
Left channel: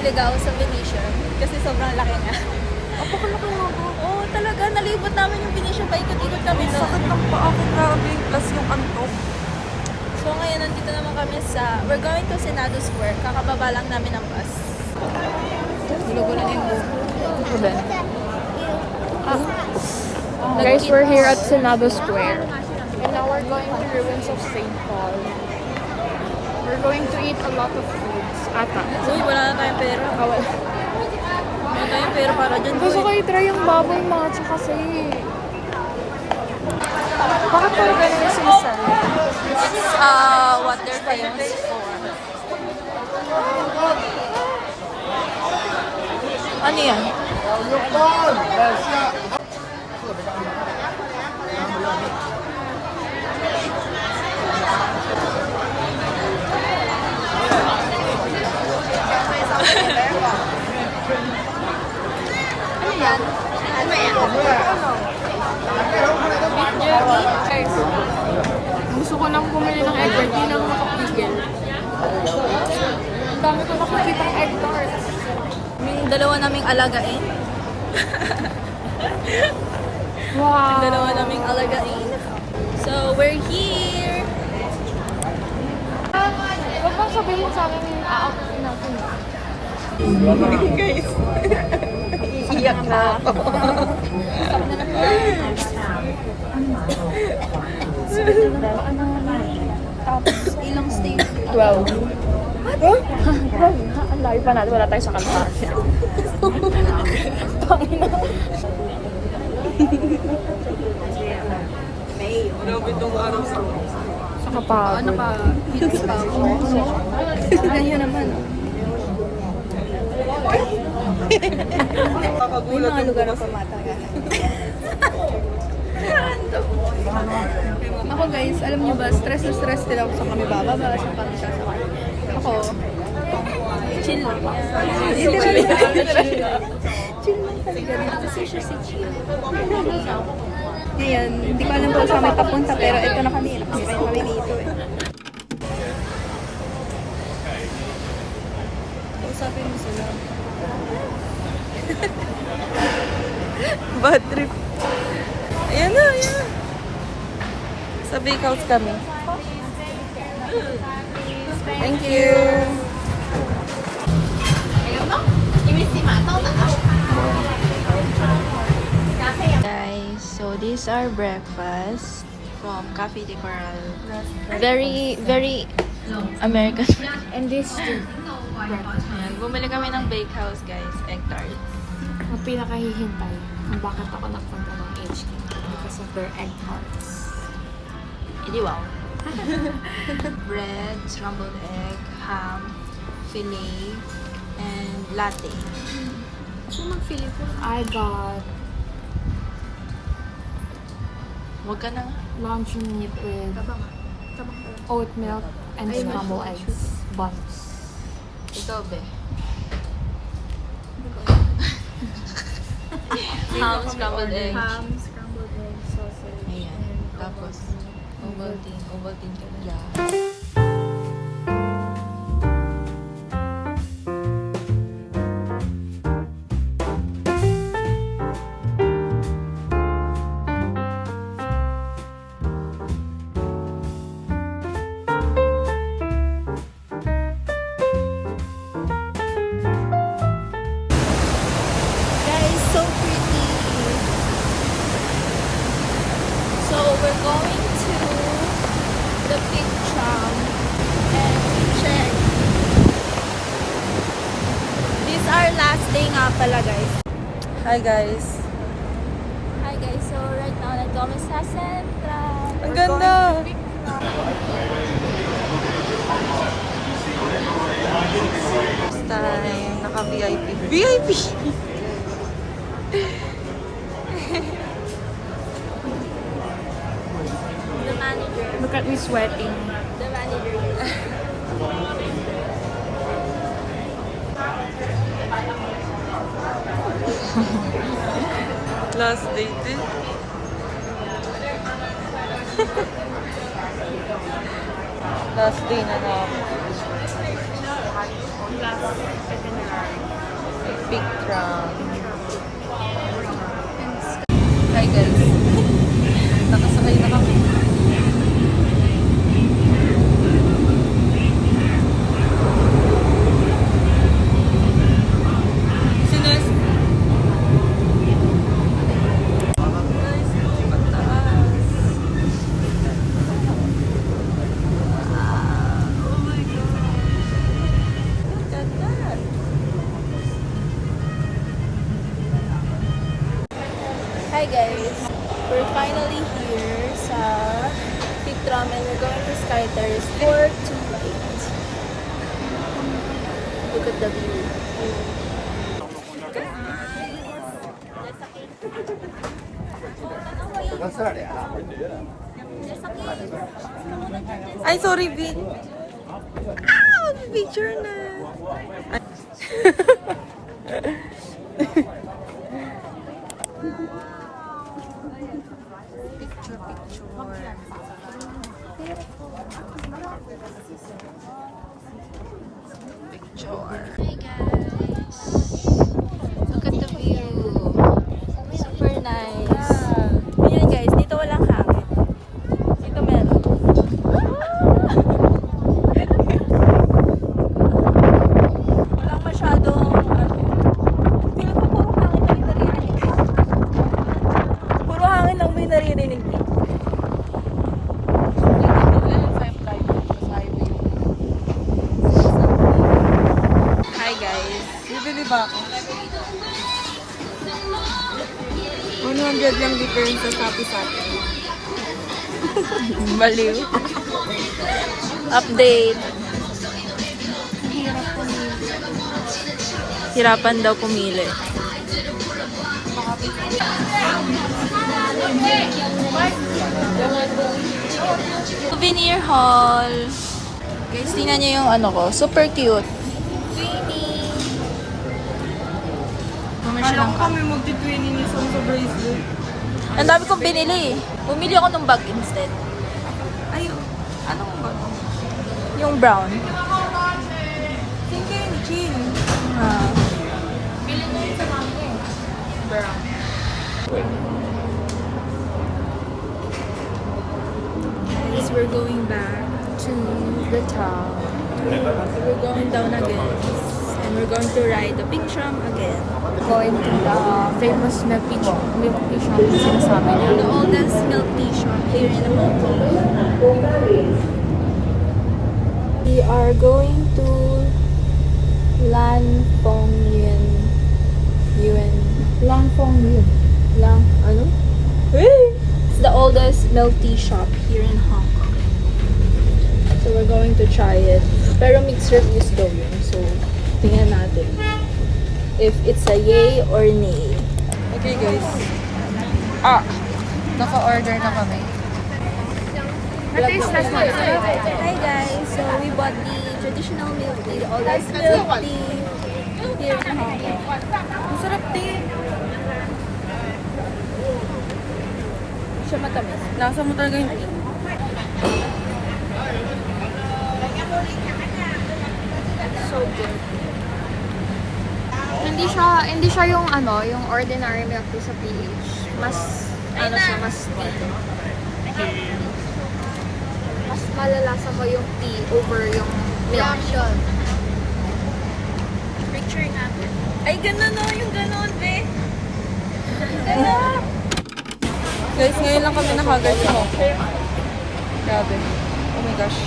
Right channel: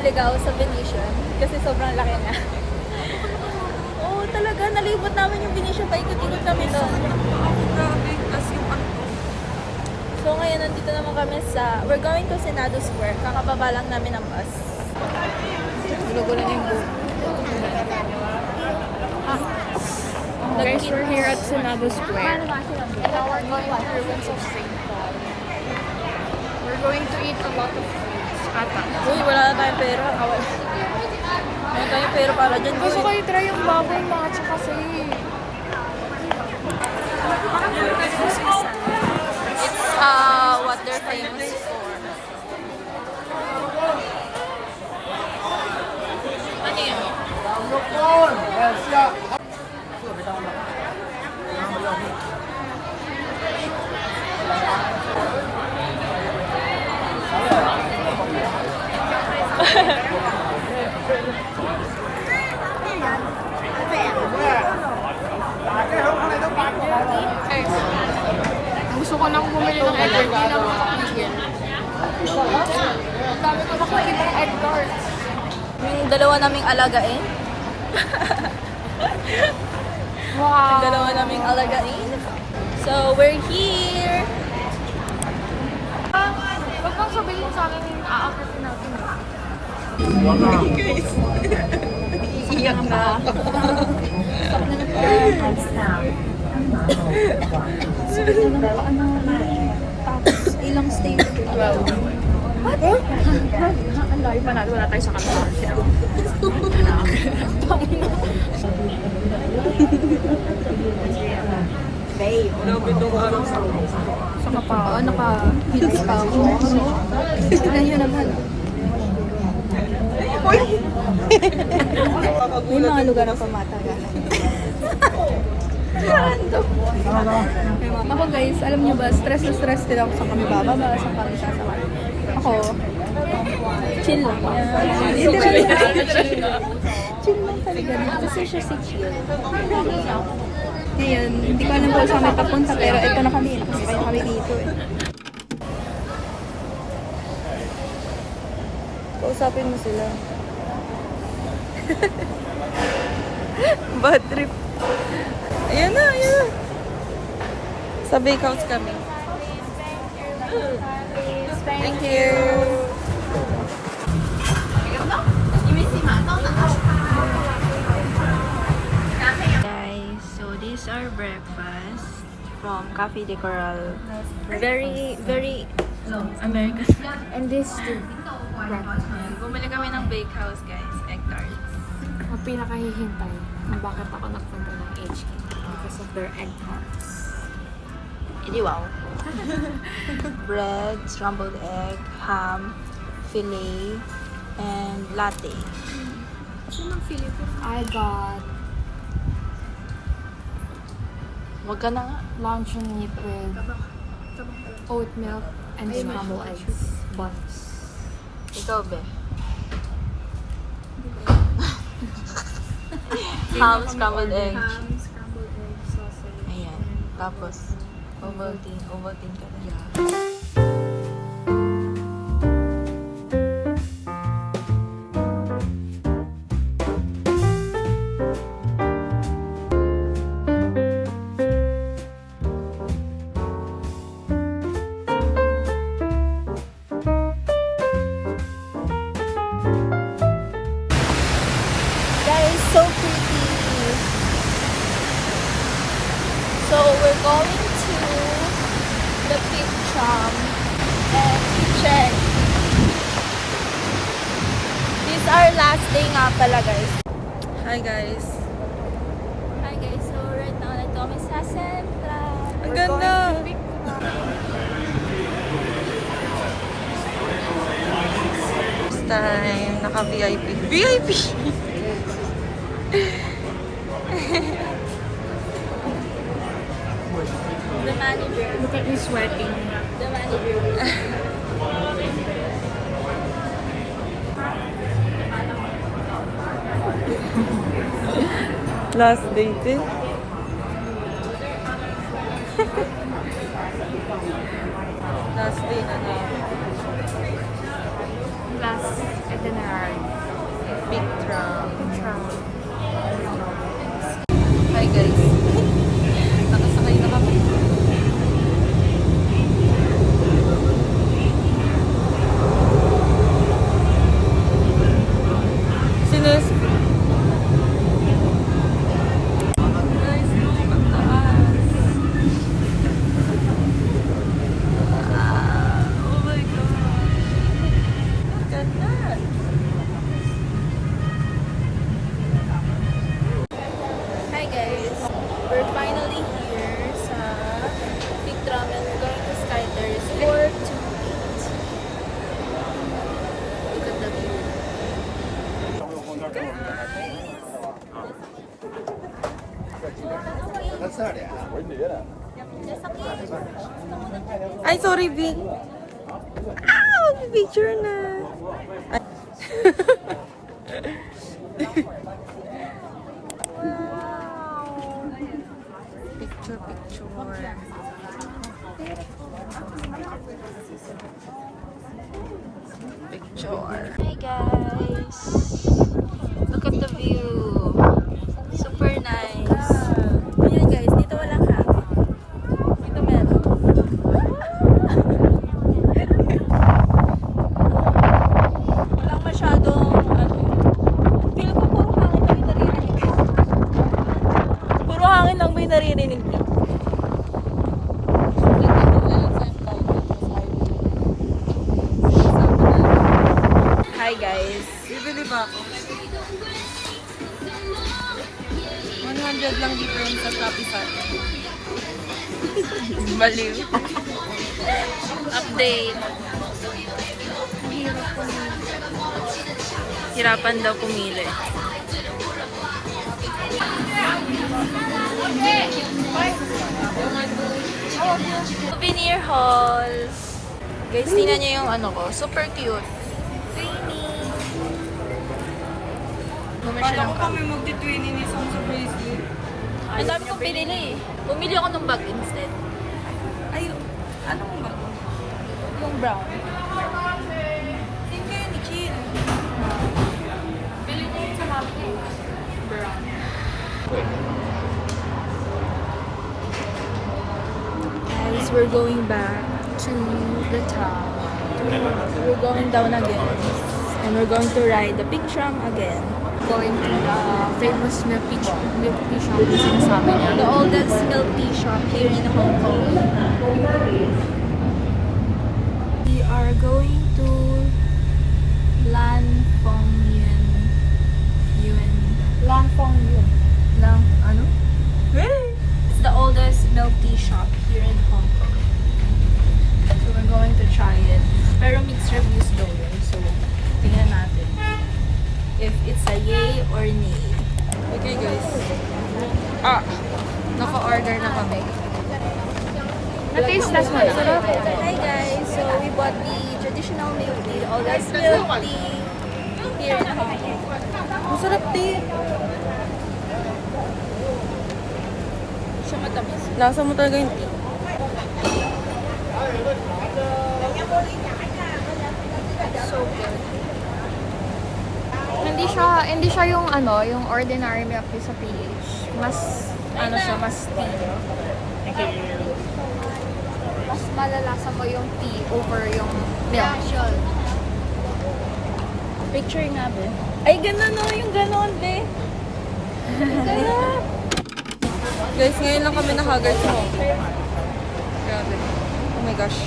Ligaw sa Venetian kasi sobrang laki nga. Oo, talaga. Nalibot namin yung Venetian pa ikot-ikot kami doon. Sakit ng paa ko, grabe. Plus yung antok. So ngayon, nandito naman kami we're going to Senado Square. Kakababa lang namin ng bus. Gulo-gulo na yung buhok. Ruben. Guys, We're here at Senado Square. And now we're going to ruins of St. Paul. We're going to eat a lot of foods. Ata. Uy, wala na tayong pera. Wala na tayong pera para dyan. Gusto kayo try yung bubble matcha kasi. Bakit pala ganito sa isa? It's what they're famous for. Ano yan? Gusto ko nang bumili ng egg tart. Hindi lang ako makapigil. Ang dami ko nakikita ng egg tarts. Yung dalawa naming alagain. Wow! Yung dalawa naming alagain. So, we're here. Huwag bang sabihin mo sa akin yung aakin natin. Guys. Iiyak na ako. Sakit na po. Sakit na ng paa namin. Tapos, ilang stage? 12. What? Ang layo pa natin. Wala tayo sa kanila. Saka pa, naka-hits pa ako. Tignan nyo naman. May mga lugar na pamataga. Ako guys, alam nyo ba, stress na stress din ako sa kami bababa, sa kami sasakay. Ako, chill lang. Chill lang talaga. Gusto siya sa chill. Ngayon, hindi ko alam kung saan may papunta, pero ito na kami. Nakasakay kami dito eh. Kausapin mo sila. Bad trip. Ayan na, ayan na. Sa bake house kami. Thank you. Guys, so these are breakfast from Cafe de Coral. Very, very American. And this too. Ayan, bumili kami ng bake house, guys. Egg tarts. Ang pinakahihintay kung bakit ako nagpunta ng HK because of their egg tarts. Hindi wow. Bread, scrambled egg, ham, filet, and latte. I got Wag ka na nga. luncheon meat with oat milk and scrambled eggs. Buns. Ikaw, be. Ham, scrambled egg. Ham, scrambled egg, sausage. Ayan. Tapos, Ovaltine. Ovaltine ka na. Guys, so pretty. So we're going to the pig tram and check. This is our last day nga pala, guys. Hi guys. Hi guys, so right now nandito kami sa Central. Ang ganda! This time, naka-VIP. VIP! The manager. Look at me sweating. The manager. Last date eh. Last day na na. Last itinerary. Big tram. Hi guys. Nakasakay na kami. Terrace 428. Look at the view. Ay, sorry, Vic. Picture na. Picture. Hey guys! Look at the view. Super nice. Ayan guys, dito walang hangin. Dito meron. Walang masyadong feel ko puro hangin lang may naririnig. Puro hangin lang may naririnig. Hi guys. Bibili ba ako? 100 lang difference sa Shopee sa akin. Baliw. Update. Hirapan daw pumili. Souvenir haul. Guys, tingnan niyo yung ano ko. Super cute. Siya ng Kami magti-twinning ni Sam sa bracelet. Ang dami kong binili. Bumili ako ng bag instead. Ay, anong ba? Yung brown. Sino kayo ni Chill? Bili ko yun sa mami ko eh. Brown. Guys, we're going back to the town. We're going down again. And we're going to ride the big tram again. Going to the famous milk tea shop na sinasabi niya. The oldest milk tea shop here in Hong Kong. We are going to Lan Fong Yuen. Ano? It's the oldest milk tea shop here in Hong Kong. So we're going to try it. Pero mixed reviews daw yun. So tingnan natin if it's a yay or nay. Okay guys. Naka-order na kami. Hi guys! So we bought the traditional milk tea, the oldest milk tea here in Hong Kong. Masarap tea. Siya matamis. Lasa mo talaga yung tea. So good. Hindi siya yung yung ordinary milk tea sa PH. Mas mas tea. Mas malalasa mo yung tea over yung milk. Picture natin. Ay, gano'n no, yung gano'n, be. Sarap. Guys, ngayon lang kami nakagard sa Hong Kong. Grabe. Oh my gosh.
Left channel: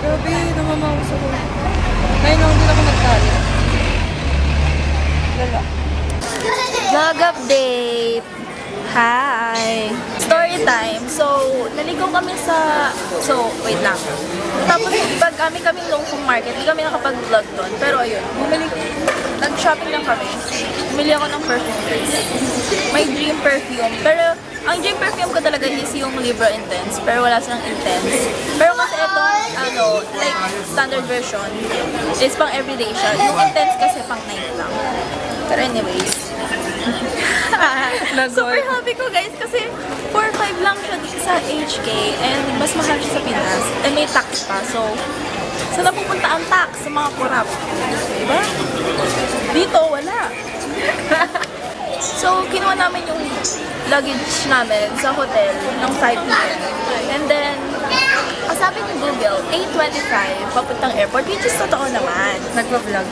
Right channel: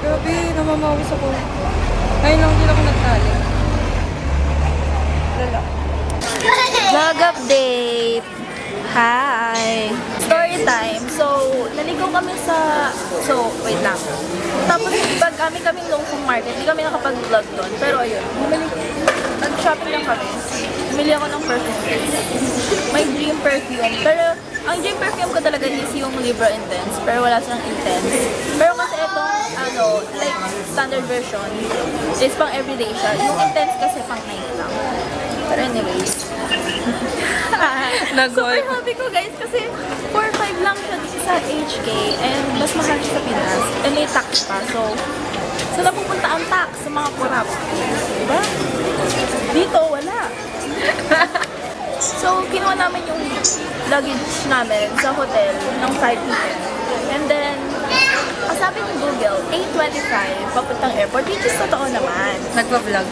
Grabe, namamawas ako. Ngayon lang din ako nagtali. Lala. Vlog update! Hi! Story time. So, naligaw kami sa... So, wait lang. Tapos, pag kaming Longfong Market, hindi kami nakapag-vlog doon. Pero ayun, nag-shopping lang kami. Bumili ako ng perfume. May dream perfume. Pero, ang dream perfume ko talaga is yung Libra Intense. Pero wala silang Intense. Pero kasi itong, like, standard version is pang everyday siya. Yung Intense kasi pang night lang. Pero anyways. Super happy ko guys kasi 4-5 lang siya dito sa HK and mas mahal siya sa Pinas. And may tax pa. So, saan napupunta ang tax sa mga kurap? Diba? Dito, wala. So, kinuha namin yung luggage namin sa hotel ng 5 p.m. And then, ang sabi ni Google, 8:25 papuntang airport, which is totoo naman. Nagpa-vlog.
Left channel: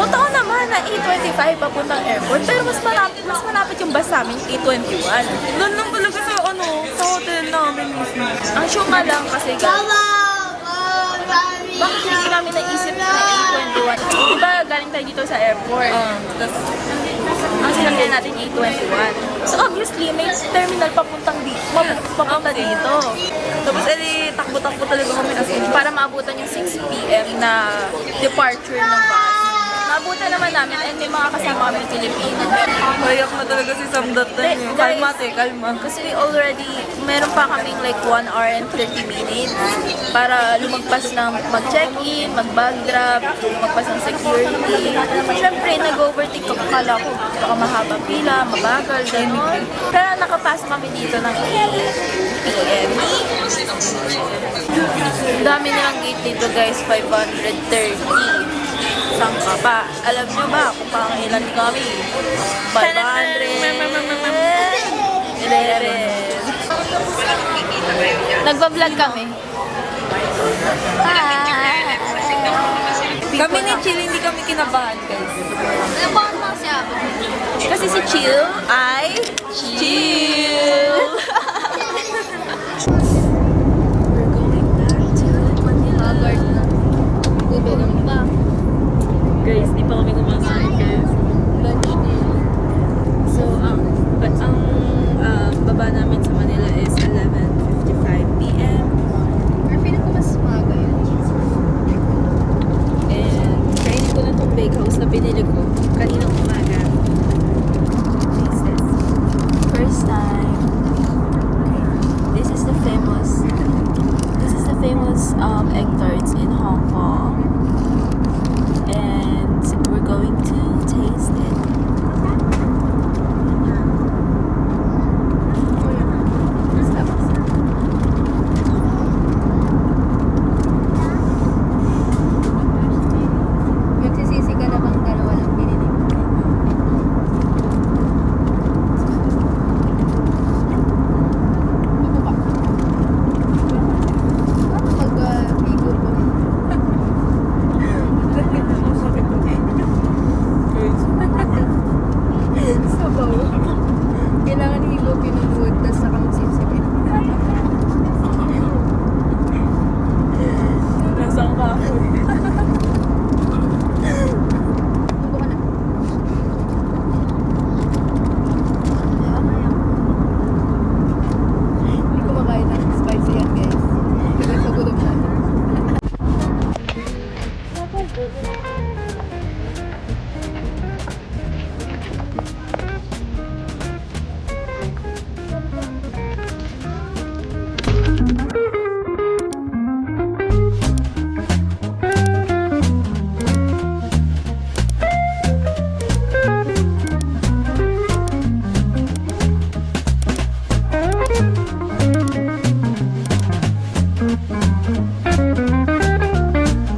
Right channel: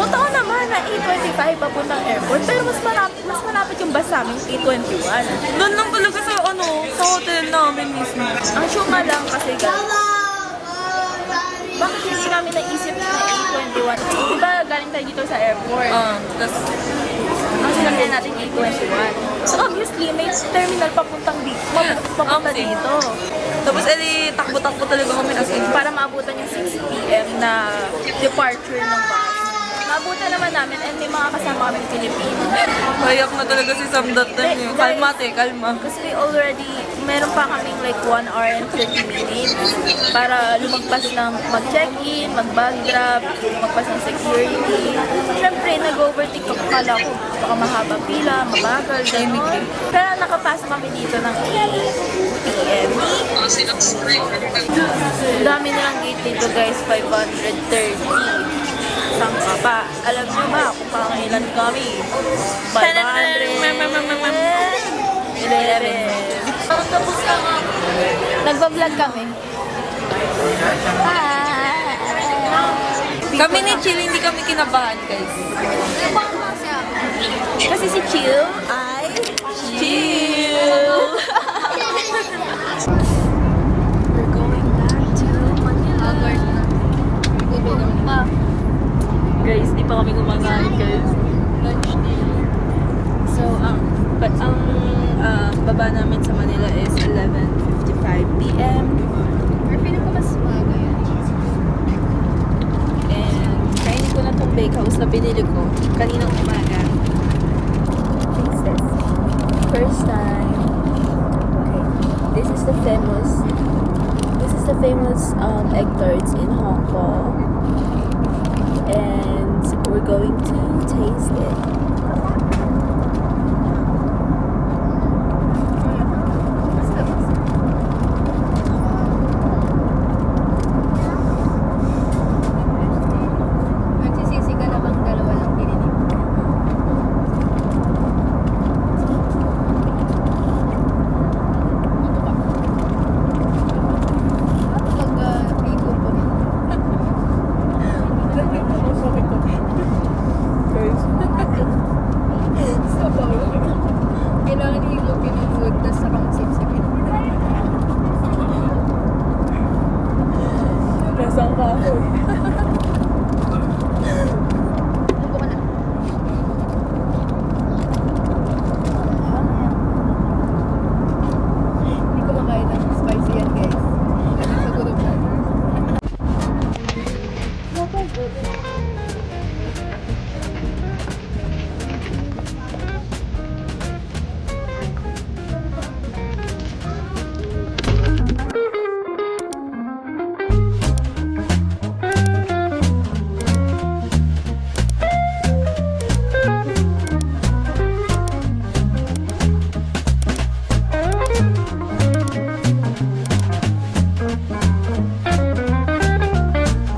Totoo naman na 8:25 papuntang airport, pero mas malapit yung bus namin, 8:21. Doon lang talaga sa sa hotel namin mismo. Ang syuma lang kasi guys, bakit hindi namin naisip na 8:21? Diba galing tayo dito sa airport? Tapos, Ang sinakyan natin A21. So obviously, may terminal papunta dito. Tapos takbo-takbo talaga kami kasi para maabutan yung 6 p.m. na departure ng bus. Maabutan naman namin and may mga kasama kami Pilipino. Kayak na talaga si Sam that time. Kalma, kalma. Kasi we already, meron pa kaming like 1 hour and 30 minutes para lumagpas ng mag-check-in, mag-bag drop, lumagpas ng security. Siyempre, nag-overtake ako. Kala ko baka mahaba pila, mabagal, gano'n. Pero nakapasok kami dito ng 8 p.m. Ang dami nilang gate dito guys, 530. Saan ka pa? Alam nyo ba kung pang ilan kami? 511. Nagbablog kami. Kami ni Chill, hindi kami kinabahan, guys. Kasi si Chill ay chill. We're going back to Haggard na. Gutom pa. Guys, di pa kami kumakain, guys. Lunch na yun. So, ang baba namin sa Manila is 11:55 p.m. We're feeling ko mas maga yun. And, kainin ko na itong bakehouse na binili ko kaninang umaga. Taste this. First time. Okay. This is the famous egg tarts in Hong Kong. And we're going to taste it.